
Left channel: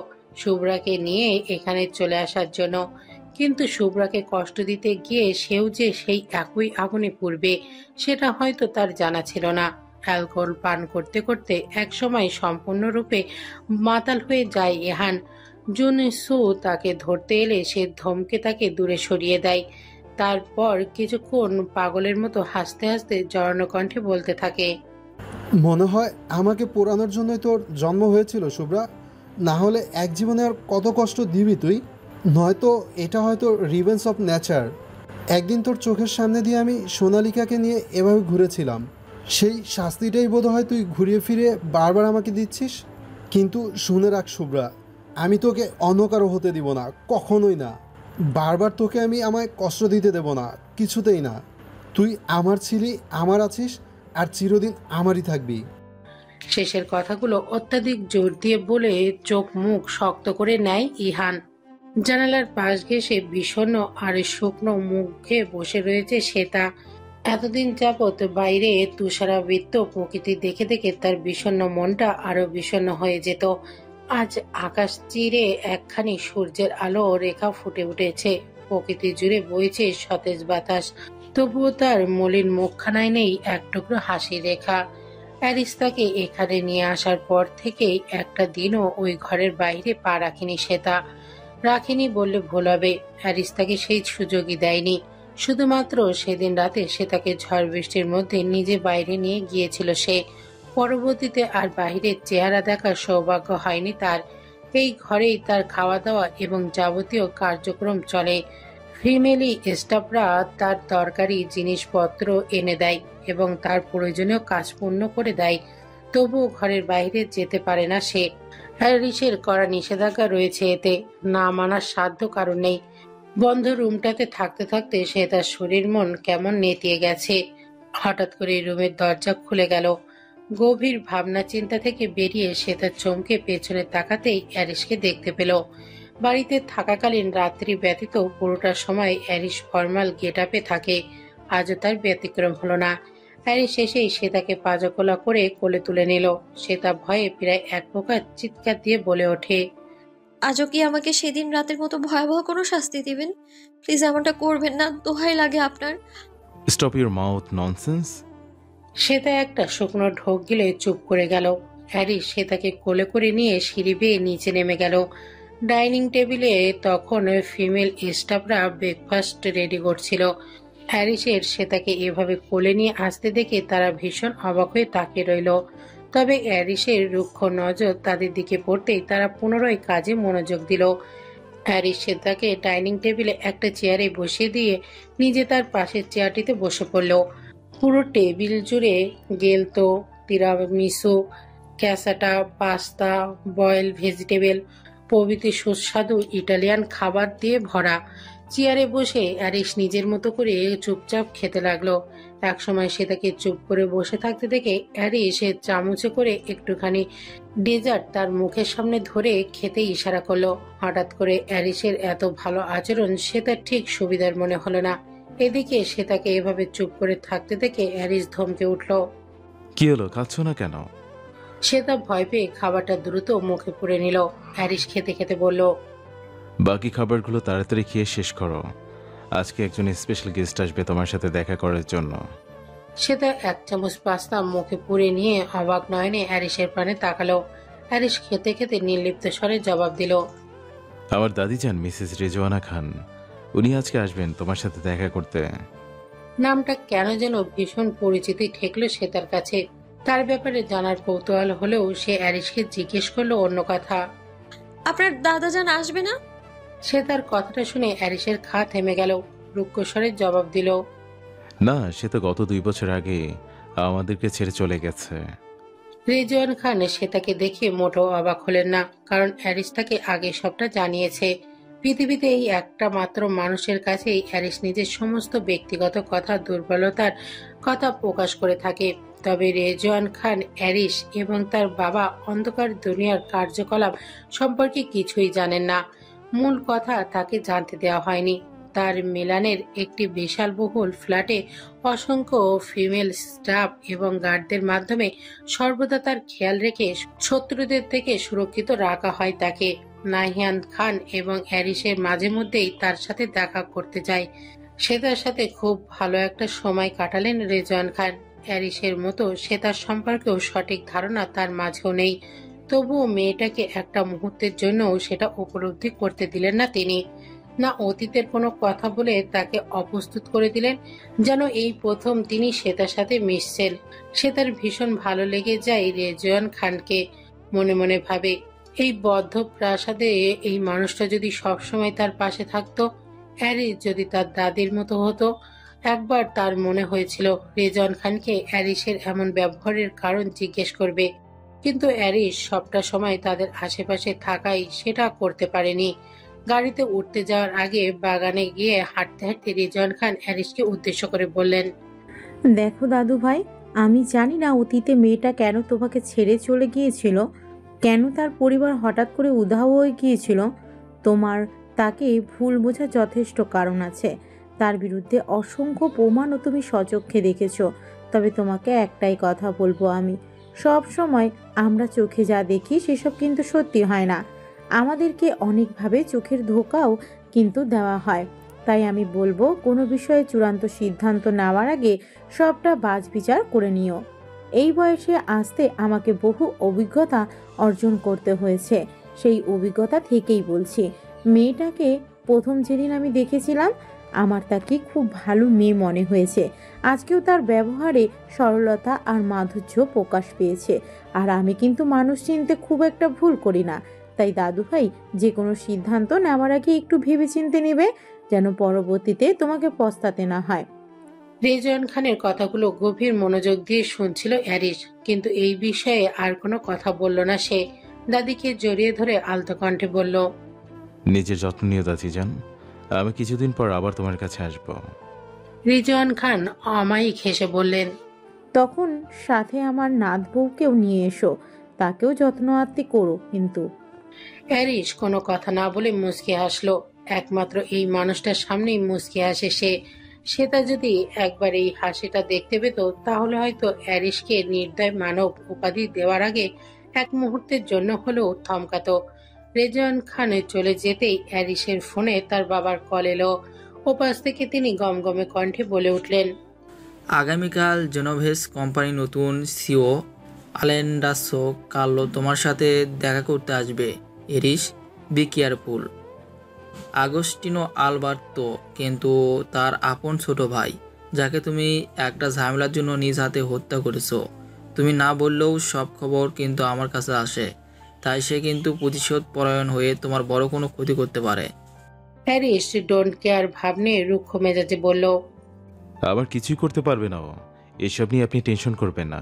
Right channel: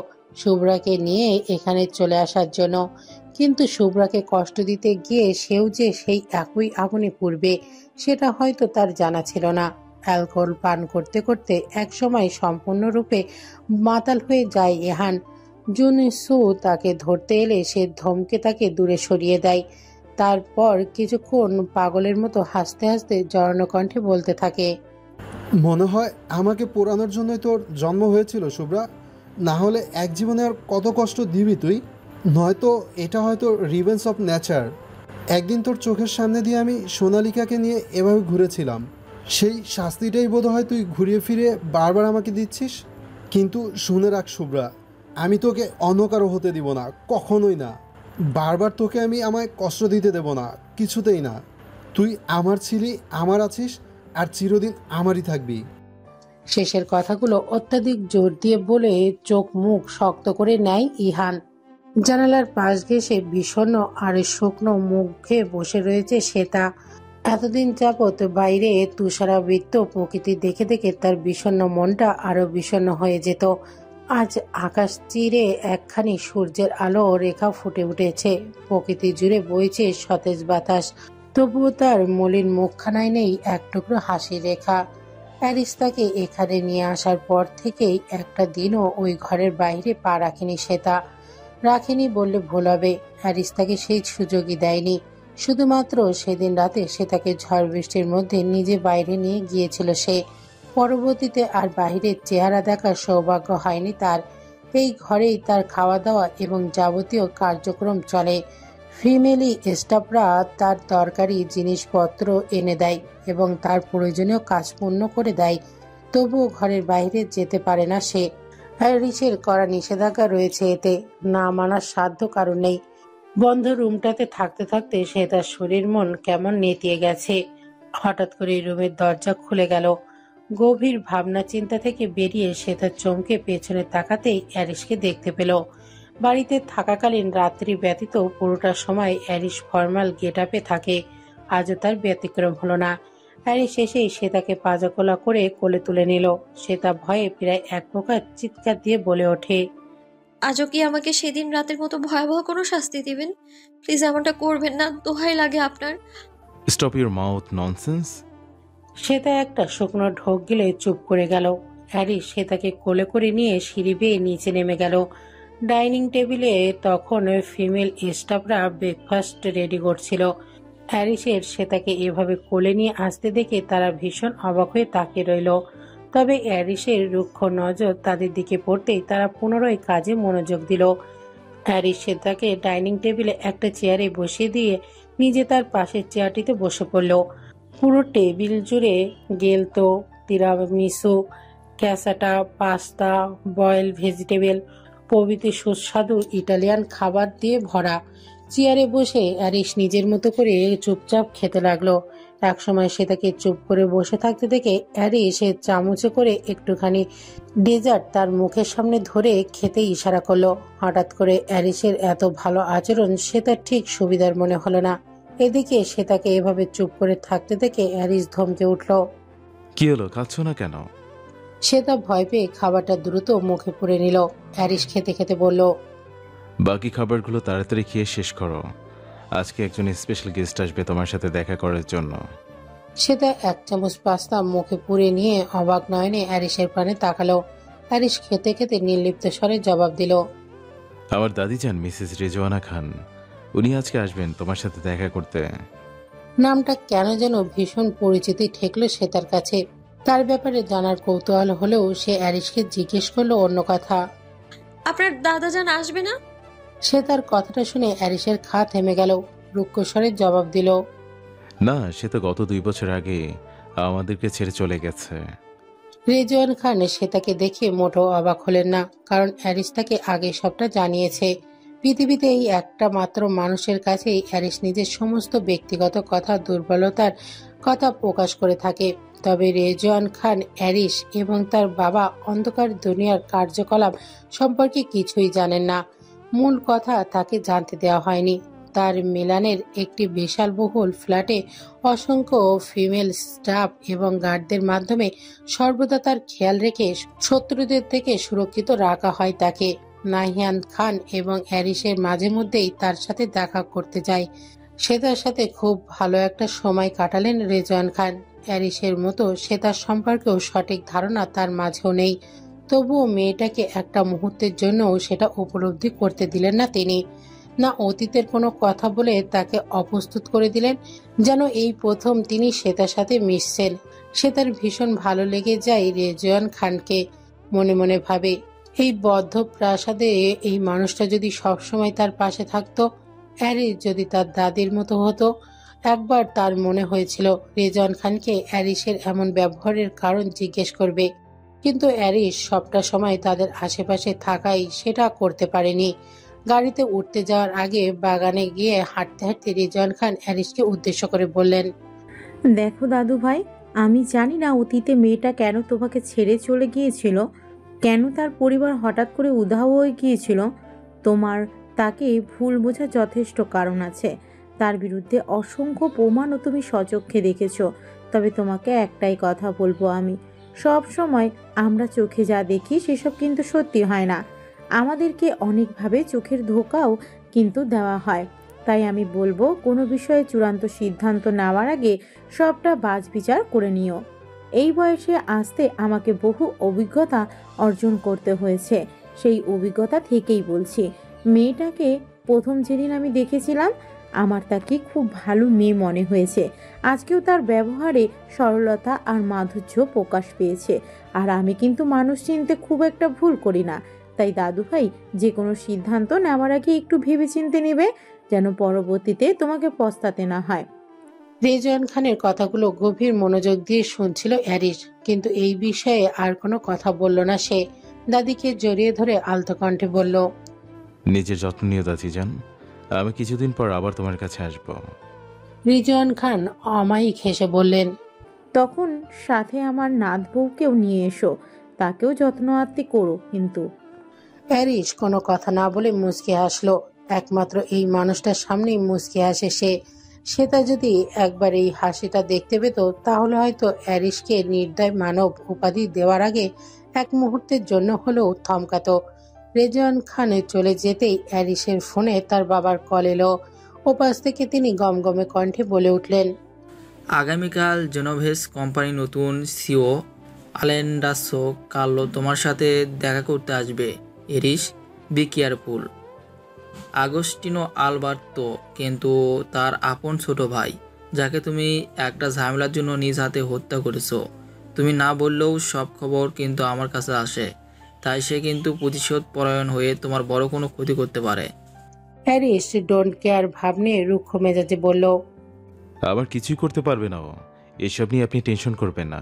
শুভ্রাকে নিয়ে এখানে চলে আসার জন্য, কিন্তু শুভ্রাকে কষ্ট দিতে গিয়ে সেও যে সেই একই আগুনে পুড়বে সেটা হয়তো তার জানা ছিল না। অ্যালকোহল পান করতে করতে একসময় সম্পূর্ণরূপে মাতাল হয়ে যায় ইহান। জুনসু তাকে ধরতে এলে সে ধমকে তাকে দূরে সরিয়ে দেয়। তারপর কিছুক্ষণ পাগলের মতো হাসতে হাসতে জড়ানো কণ্ঠে বলতে থাকে, মনে হয় আমাকে পোড়ানোর জন্যই তোর জন্ম হয়েছিল শুভ্রা, না হলে এক জীবনে আর কত কষ্ট দিবি তুই। নয়তো এটা হয়তো রিভেন্স অফ নেচার। একদিন তোর চোখের সামনে দিয়ে আমি সোনালিকাকে নিয়ে এভাবে ঘুরেছিলাম, সেই শাস্তিটাই বোধহয় তুই ঘুরিয়ে ফিরে বারবার আমাকে দিচ্ছিস। কিন্তু শুনে রাখ শুভ্রা, আমি তোকে অন্য কারো হতে দিব না, কখনোই না। বারবার তোকে আমি আমায় কষ্ট দিতে দেব না, কিছুতেই না। তুই আমার ছিলি, আমার আছিস, আর চিরদিন আমারই থাকবি। শেষের কথাগুলো অত্যাধিক জোর দিয়ে বলে চোখ মুখ শক্ত করে নেয় ইহান। জানালার পাশ ঘেঁষে বিষণ্ণ আর শুকনো মুখে বসে রয়েছে শ্বেতা। এতদিন যাবৎ বাইরে তুষারাবৃত প্রকৃতি দেখে দেখে তার বিষণ্ণ মনটা আরো বিষণ্ণ হয়ে যেত। আজ আকাশ চিরে একখানি সূর্যের আলো রেখা ফুটে উঠেছে, প্রকৃতি জুড়ে বইছে সতেজ বাতাস, তবুও তার মলিন মুখখানায় নেই এক টুকরো হাসির রেখা। অ্যারিস তাকে এখানে নিয়ে আসার পর থেকেই একটা দিনও ওই ঘরের বাইরে পা রাখেনি শ্বেতা। রাখেনি বললে ভুল হবে, অ্যারিস তাকে সেই সুযোগই দেয়নি। শুধুমাত্র সেদিন রাতে সে তাকে ঝড় বৃষ্টির মধ্যে নিজে বাইরে নিয়ে গিয়েছিল সে। পরবর্তীতে আর বাহিরের চেহারা দেখার সৌভাগ্য হয়নি তার। এই ঘরেই তার খাওয়া দাওয়া এবং যাবতীয় কার্যক্রম চলে। ফিমেলি স্টাফরা তার দরকারি জিনিসপত্র এনে দেয় এবং তার প্রয়োজনীয় কাজ পূর্ণ করে দেয়, তবুও ঘরের বাইরে যেতে পারে না সে। হ্যারিসের করা নিষেধাজ্ঞা রয়েছে, এতে না মানার সাধ্য কারণ নেই। বন্ধ রুমটাতে থাকতে থাকতে সে তার শরীর মন কেমন নেতিয়ে গেছে। হঠাৎ করে রুমের দরজা খুলে গেল। গভীর ভাবনা চিন্তা থেকে বেরিয়ে সে তার চমকে পেছনে তাকাতেই অ্যারিসকে দেখতে পেল। বাড়িতে থাকাকালীন রাত্রি ব্যতীত পুরোটা সময় অ্যারিস ফর্মাল গেট আপে থাকে, আজও তার ব্যতিক্রম হলো না। অ্যারিস এসেই সে তাকে পাজাকোলা করে কোলে তুলে নিল। সে তা ভয়ে প্রায় এক প্রকার চিৎকার দিয়ে বলে ওঠে, আজও কি আমাকে সেদিন রাতের মতো ভয়াবহ কোনো শাস্তি দিবেন? প্লিজ এমনটা করবেন না, দোহাই লাগে আপনার। Stop your mouth nonsense. সে তা একটা শুকনো ঢোক গিলে চুপ করে গেল। হ্যারিস সে তাকে কোলে করে নিয়ে সিঁড়ি বেয়ে নিচে নেমে গেল। ডাইনিং টেবিলে তখন ফিমেল স্টাফরা ব্রেকফাস্ট রেডি করছিল। হ্যারিসের সে তাকে এভাবে কোলে নিয়ে আসতে দেখে তারা ভীষণ অবাক হয়ে তাকিয়ে রইল। তবে হ্যারিসের রুক্ষ নজর তাদের দিকে পড়তেই তারা পুনরায় কাজে মনোযোগ দিল। হ্যারিস সে তাকে ডাইনিং টেবিলে একটা চেয়ারে বসিয়ে দিয়ে নিজে তার পাশের চেয়ারটিতে বসে পড়ল। পুরো টেবিল জুড়ে গেলতো, তিরামিসু, ক্যাসাটা, পাস্তা, বয়েল ভেজিটেবল প্রভৃতি সুস্বাদু ইটালিয়ান খাবার দিয়ে ভরা। চেয়ারে বসে অ্যারিস নিজের মতো করে চুপচাপ খেতে লাগলো। একসময় সে তাকে চুপ করে বসে থাকতে দেখে অ্যারিস চামচে করে একটুখানি ডেজার্ট তার মুখের সামনে ধরে খেতে ইশারা করলো। হঠাৎ করে অ্যারিসের এত ভালো আচরণ সে তার ঠিক সুবিধার মনে হলো না। এদিকে সে তাকে এভাবে চুপ করে থাকতে দেখে অ্যারিস ধমকে উঠল। কি হলো, খাচ্ছ না কেন? সে তা ভয় পেয়ে খাবারটা দ্রুত মুখে পুরে নিল। অ্যারিস খেতে খেতে বলল, বাকি খাবারগুলো তাড়াতাড়ি খেয়ে শেষ করো, আজকে একজন স্পেশাল গেস্ট আসবে তোমার সাথে দেখা করার জন্য। সে তা এক চামচ পাস্তা মুখে পুরে নিয়ে অবাক নয়নে অ্যারিসের পানে তাকালো। অ্যারিস খেতে খেতে নির্লিপ্ত স্বরে জবাব দিল, আমার দাদি যান মিসেস রেজওয়ানা খান, উনি আজকে আসবেন তোমার সাথে দেখা করতে। নামটা কেন যেন ভীষণ পরিচিতি ঠেকলো সে তার কাছে। তার ব্যাপারে জানার কৌতূহল হলেও সে অ্যারিসকে জিজ্ঞেস করলো অন্য কথা। আপনার দাদাজান আসবে না? সে তার কথাটা শুনে অ্যারিসের খা থেমে গেল। রুক্ষ স্বরে জবাব দিল, না, সে তো গত 2 বছর আগে আমাদেরকে ছেড়ে চলে গেছে। রেজওয়ান খান সে তাকে দেখে মোটেও অবাক হলেন না, কারণ অ্যারিস তাকে আগে সবটা জানিয়েছে। পৃথিবীতে এই একটা মাত্র মানুষের কাছেই অ্যারিস নিজের সমস্ত ব্যক্তিগত কথা, দুর্বলতার কথা প্রকাশ করে থাকে। তবে রেজওয়ান খান অ্যারিস এবং তার বাবা অন্ধকার দুনিয়ার কার্যকলাপ সম্পর্কে কিছুই জানেন না। মূল কথা তাকে জানতে দেওয়া হয়নি। তার মিলানের একটি বিশালবহুল ফ্ল্যাটে অসংখ্য ফিমেল স্টাফ এবং গার্ডদের মাধ্যমে সর্বদা তার খেয়াল রেখে শত্রুদের থেকে সুরক্ষিত রাখা হয় তাকে। নাহিয়ান খান এবং অ্যারিসের মাঝে মধ্যেই তার সাথে দেখা করতে যায়। সে তার সাথে খুব ভালো একটা সময় কাটালেন রেজওয়ান খান। অ্যারিসের মতো সে তার সম্পর্কেও সঠিক ধারণা তার মাঝেও নেই, তবুও মেয়েটাকে একটা মুহূর্তের জন্যও সেটা উপলব্ধি করতে দিলেন না তিনি। না অতীতের কোনো কথা বলে তাকে অপ্রস্তুত করে দিলেন, যেন এই প্রথম তিনি শ্বেতার সাথে মিশছেন। শ্বেতার ভীষণ ভালো লেগে যায় রেজওয়ান খানকে। মনে মনে ভাবে, এই বদ্ধ প্রাসাদে এই মানুষটা যদি সবসময় তার পাশে থাকতো, অ্যারিস যদি তার দাদির মতো হতো। একবার তার মনে হয়েছিল রেজওয়ান খানকে অ্যারিসের এমন ব্যবহারের কারণ জিজ্ঞেস করবে, কিন্তু অ্যারিস সবটা সময় তাদের আশেপাশে থাকাই সেটা করতে পারেনি। গাড়িতে উঠতে যাওয়ার আগে বাগানে গিয়ে হাঁটতে হাঁটতে রিজওয়ান খান অ্যারিসকে উদ্দেশ্য করে বললেন, দেখো দাদু ভাই, আমি জানি না অতীতে মেয়েটা কেন তোমাকে ছেড়ে চলে গিয়েছিল, কেন তার পরিবার হঠাৎ করে উধাও হয়ে গিয়েছিল। তোমার তাকে ভুল বোঝার যথেষ্ট কারণ আছে। তার বিরুদ্ধে অসংখ্য প্রমাণও তুমি স্বচক্ষে দেখেছো। তবে তোমাকে একটাই কথা বলবো আমি, সব সময় আমরা চোখে যা দেখি সেসব কিন্তু সত্যি হয় না। আমাদেরকে অনেকভাবে চোখের ধোকাও কিন্তু দেওয়া হয়। তাই আমি বলবো, কোনো বিষয়ে চূড়ান্ত সিদ্ধান্ত নেওয়ার আগে সবটা বাছবিচার করে নিও। এই বয়সে আসতে আমাকে বহু অভিজ্ঞতা অর্জন করতে হয়েছে। সেই অভিজ্ঞতা থেকেই বলছি, মেয়েটাকে প্রথম যেদিন আমি দেখেছিলাম আমার তাকে খুব ভালো মেয়ে মনে হয়েছে। আজকেও তার ব্যবহারে সরলতা আর মাধুর্য প্রকাশ পেয়েছে। আর আমি কিন্তু মানুষ চিনতে খুব একটা ভুল করি না। তাই দাদু ভাই, যে কোনো সিদ্ধান্ত নেওয়ার আগে একটু ভেবেচিন্তে নেবে, যেন পরবর্তীতে তোমাকে পস্তাতে না হয়। রিজওয়ান খানের কথাগুলো গভীর মনোযোগ দিয়ে শুনছিল অ্যারিস, কিন্তু এই বিষয়ে আর কোনো কথা বলল না সে। দাদিকে জড়িয়ে ধরে আলতো কণ্ঠে বলল, নিজের যত্ন নিও দাদিজান, আমি কিছুদিন পর আবার তোমার কাছে আসব। রিজওয়ান খান অমায়িক হেসে বললেন, তখন সাথে আমার নাত বউকেও নিয়ে এসো, তাকেও যত্ন আত্তি করো কিন্তু। অ্যারিস কোনো কথা না বলে মুচকি হাসলো। একমাত্র এই মানুষটার সামনেই মুচকি হাসে সে। সেটা যদি একবার এই হাসিটা দেখতে পেত, তাহলে হয়তো অ্যারিসকে নির্দয় মানব উপাধি দেওয়ার আগে এক মুহূর্তের জন্য হলেও থমকাতো। রেজওয়ান খান চলে যেতেই অ্যারিসের ফোনে তার বাবার কল এলো। ওপাশ থেকে তিনি গমগমে কণ্ঠে বলে উঠলেন, আগামীকাল জেনোভেস কোম্পানি নতুন সিও আলেন্ডাসো কার্লো তোমার সাথে দেখা করতে আসবে। এরিস, বি কেয়ারফুল। আগস্টিনো আলবার্তো কিন্তু তার আপন ছোট ভাই, যাকে তুমি একটা ঝামেলার জন্য নিজ হাতে হত্যা করেছো। তুমি না বললেও সব খবর কিন্তু আমার কাছে আসে, তাই সে কিন্তু প্রতিশোধ পরায়ণ হয়ে তোমার বড় কোনো ক্ষতি করতে পারে। অ্যারিস ডোন্ট কেয়ার ভাব নিয়ে রুক্ষ মেজাজে বলল, আবার কিছুই করতে পারবে না ও, এসব নিয়ে আপনি টেনশন করবেন না।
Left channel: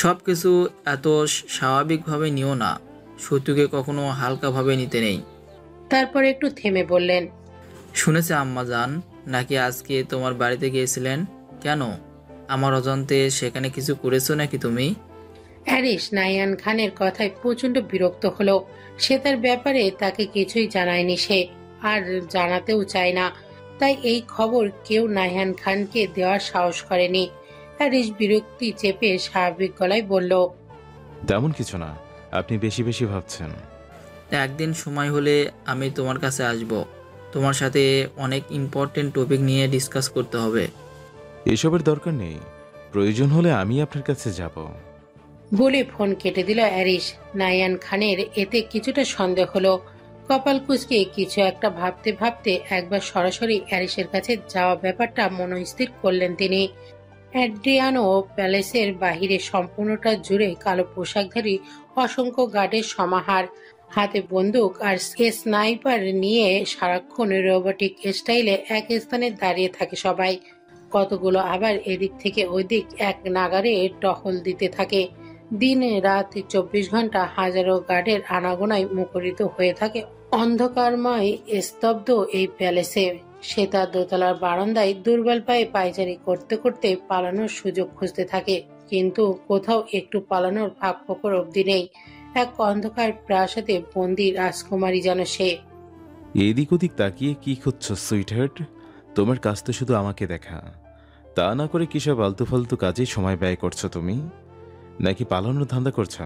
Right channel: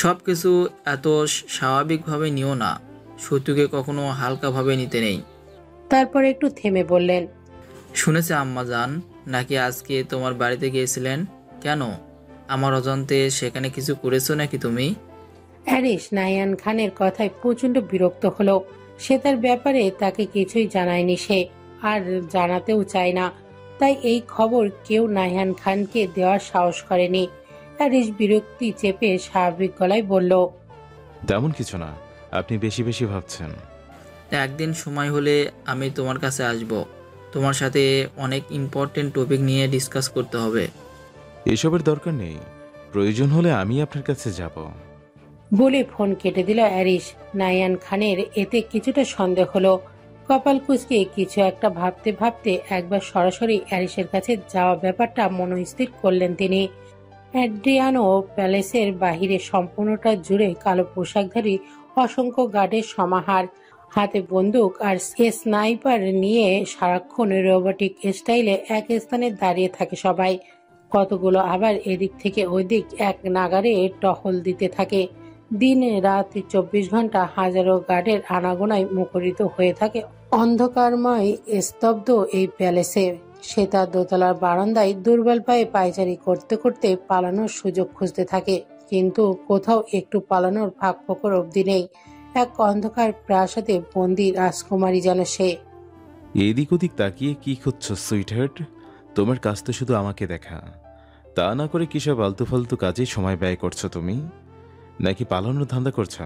সব কিছু এত স্বাভাবিকভাবে নিও না, শত্রুকে কখনো হালকাভাবে নিতে নেই। তারপর একটু থেমে বললেন, শুনেছে আম্মা জান নাকি আজকে তোমার বাড়িতে গিয়েছিলেন? কেন, আমার অজান্তে সেখানে কিছু করেছো নাকি তুমি? অ্যারিস নাইয়ান খানের কথায় প্রচন্ড বিরক্ত হলো। সে তার ব্যাপারে তাকে কিছুই জানায়নি সে, আর জানাতেও চায় না। তাই এই খবর কেউ নাইয়ান খানকে দেওয়ার সাহস করেনি। অ্যারিস বিরক্তি চেপে স্বাভাবিক গলায় বলল, তেমন কিছু না, আপনি বেশি বেশি ভাবছেন। একদিন সময় হলে আমি তোমার কাছে আসব, তোমার সাথে অনেক ইম্পর্টেন্ট টপিক নিয়ে ডিসকাস করতে হবে। এসবের দরকার নেই, প্রয়োজন হলে আমি আপনার কাছে যাব। বলে ফোন কেটে দিল অ্যারিস। নাইয়ান খানের এতে কিছুটা সন্দেহ হলো। কপাল কুঁচকে কিছু একটা ভাবতে ভাবতে একবার সরাসরি অ্যারিসের কাছে যাওয়া ব্যাপারটা মনস্থির করলেন তিনি। অ্যাড্রিয়ানো প্যালেসের বাহিরে সম্পূর্ণটা জুড়ে কালো পোশাকধারী অসংখ্য গার্ডের সমাহার। হাতে বন্দুক আর স্নাইপার নিয়ে সারাক্ষণ রোবোটিক স্টাইলে এক স্থানে দাঁড়িয়ে থাকে সবাই। কতগুলো আবার এদিক থেকে ওদিক এক নাগারে টহল দিতে থাকে। দিন রাত 24 ঘন্টা হাজারো গার্ডের আনাগোনায় মুখরিত হয়ে থাকে অন্ধকারময় স্তব্ধ এই প্যালেসে। সে তার দোতলার বারান্দায় দুর্বল পায়ে পায়চারি করতে করতে পালানোর সুযোগ খুঁজতে থাকে, কিন্তু কোথাও একটু পালানোর ফাঁক ফোকর অবধি নেই। এক অন্ধকার প্রাসাদে বন্দি রাজকুমারী যেন সে। এদিক ওদিক তাকিয়ে কি খুঁজছো সুইটহার্ট? তোমার কাজ তো শুধু আমাকে দেখা, তা না করে কিসব আলতু ফালতু কাজে সময় ব্যয় করছো তুমি, নাকি পালানোর ধান্দা করছো?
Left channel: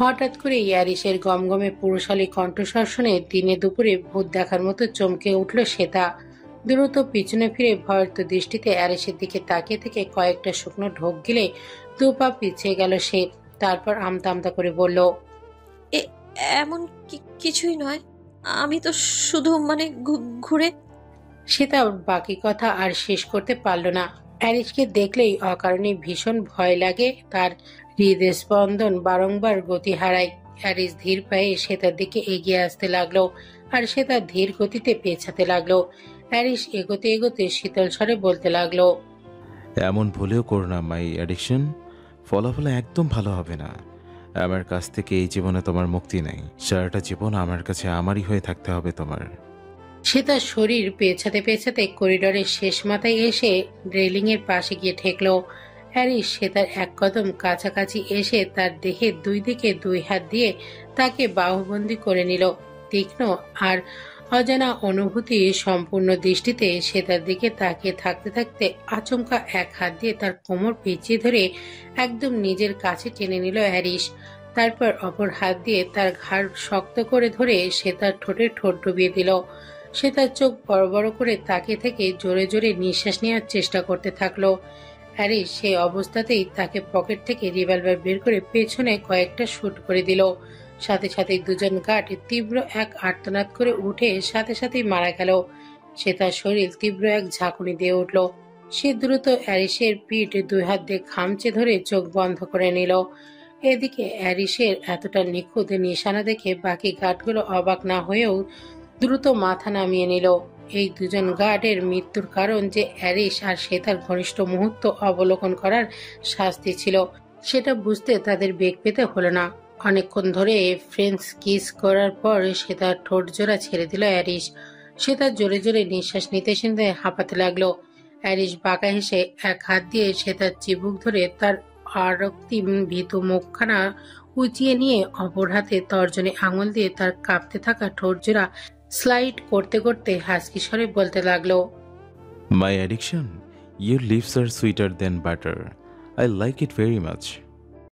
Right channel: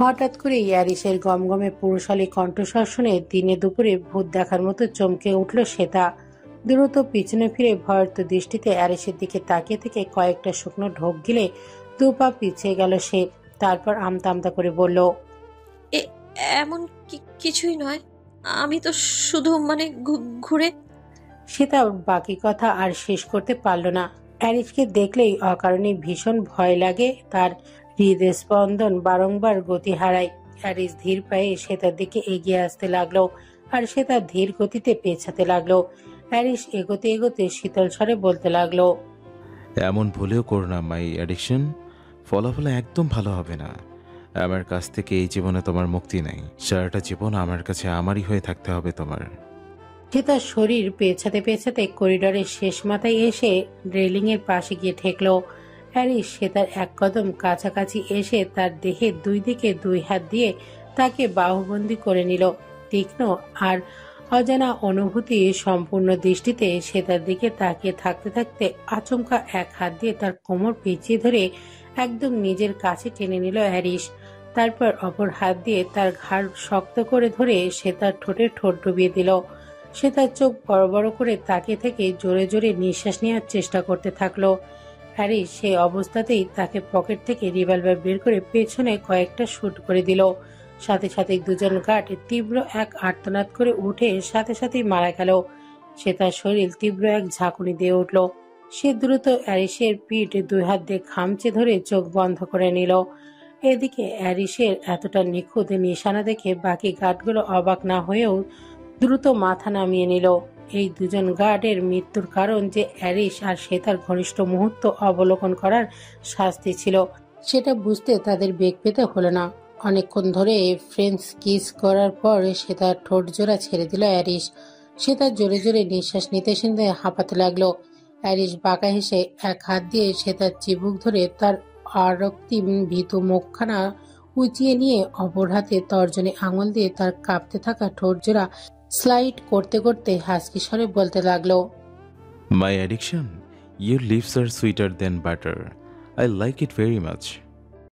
হঠাৎ করে অ্যারিসের গমগমে পুরুষালী কণ্ঠস্বর শুনে দিনে দুপুরে ভূত দেখার মতো চমকে উঠল শ্বেতা। দ্রুত পিছনে ফিরে ভয়ার্ত দৃষ্টিতে অ্যারিসের দিকে তাকিয়ে থেকে কয়েকটা শুকনো ঢোক গিলে 2 পা পিছিয়ে গেল সে। তারপর আমতা আমতা করে বলল, এমন কিছুই নয়, আমি তো শুধু মানে ঘুরে। শ্বেতা বাকি কথা আর শেষ করতে পারল না। অ্যারিসকে দেখলেই অকারণে ভীষণ ভয় লাগে তার। হৃদস্পন্দন বারংবার গতি হারায়। অ্যারিস ধীর পায়ে শ্বেতার দিকে এগিয়ে আসতে লাগলো, আর শ্বেতা ধীর গতিতে পেছাতে লাগলো। অ্যারিস এগোতে এগোতে শীতল স্বরে বলতে লাগলো, এমন ভুলেও করো না মাই অ্যাডিকশন, ফলাফল একদম ভালো হবে না। আমার কাছ থেকে এই জীবনে তোমার মুক্তি নেই। সারাটা জীবন আমার কাছে আমারই হয়ে থাকতে হবে তোমার। সে তার শরীর পেছাতে পেছাতে করিডোরের শেষ মাথায় এসে রেলিং এর পাশে গিয়ে ঠেকল। হ্যারিস সে তার এক কদম কাছাকাছি এসে তার দেহের দুই দিকে দুই হাত দিয়ে তাকে বাহুবন্দী করে নিল। তীক্ষ্ণ আর অজানা অনুভূতি সম্পূর্ণ দৃষ্টিতে সে তার দিকে তাকিয়ে থাকতে থাকতে আচমকা এক হাত দিয়ে তার কোমর পেঁচিয়ে ধরে একদম নিজের কাছে টেনে নিল হ্যারিস। তারপর অপর হাত দিয়ে তার ঘাড় শক্ত করে ধরে সে তার ঠোঁটে ঠোঁট ডুবিয়ে দিল। সে তার চোখ বড় বড় করে তাকিয়ে থেকে জোরে জোরে নিঃশ্বাস নেওয়ার চেষ্টা করতে থাকলো। হ্যারিস সেই অবস্থাতেই তাকে পকেট থেকে রিভলভার বের করে পেছনে কয়েকটা শুট করে দিল। সাথে সাথে দুজন গার্ড তীব্র এক আর্তনাদ করে উঠে সাথে সাথেই মারা গেল। সে তার শরীর তীব্র এক ঝাঁকুনি দিয়ে উঠল। সে দ্রুত হ্যারিসের পিঠ দুই হাত দিয়ে খামচে ধরে চোখ বন্ধ করে নিল। এদিকে হ্যারিসের এতটা নিখুঁত নিশানা দেখে বাকি গার্ডগুলো অবাক না হয়েও দ্রুত মাথা নামিয়ে নিল। এই দুজন গার্ডের মৃত্যুর কারণ যে হ্যারিস আর সে তার ঘনিষ্ঠ মুহূর্ত অবলোকন করার শাস্তি ছিল সেটা বুঝতে তাদের বেগ পেতে হলো না। অনেকক্ষণ ধরে ফ্রেঞ্চ কিস করার পর সে তার ঠোঁট জোড়া ছেড়ে দিল হ্যারিস। সে তার জোরে জোরে নিঃশ্বাস নিতে নিতে হাঁপাতে লাগলো। হ্যারিস বাঁকা হেসে এক হাত দিয়ে সে তার চিবুক ধরে তার আরক্তিম ভীত মুখখানা উঁচিয়ে নিয়ে অপর হাতে তর্জনী আঙুল দিয়ে তার কাঁপতে থাকা ঠোঁট জোড়া স্লাইড করতে করতে হাসকি স্বরে বলতে লাগলো, মাই অ্যাডিকশন, ইউর লিপস আর sweeter than butter, I like it very much.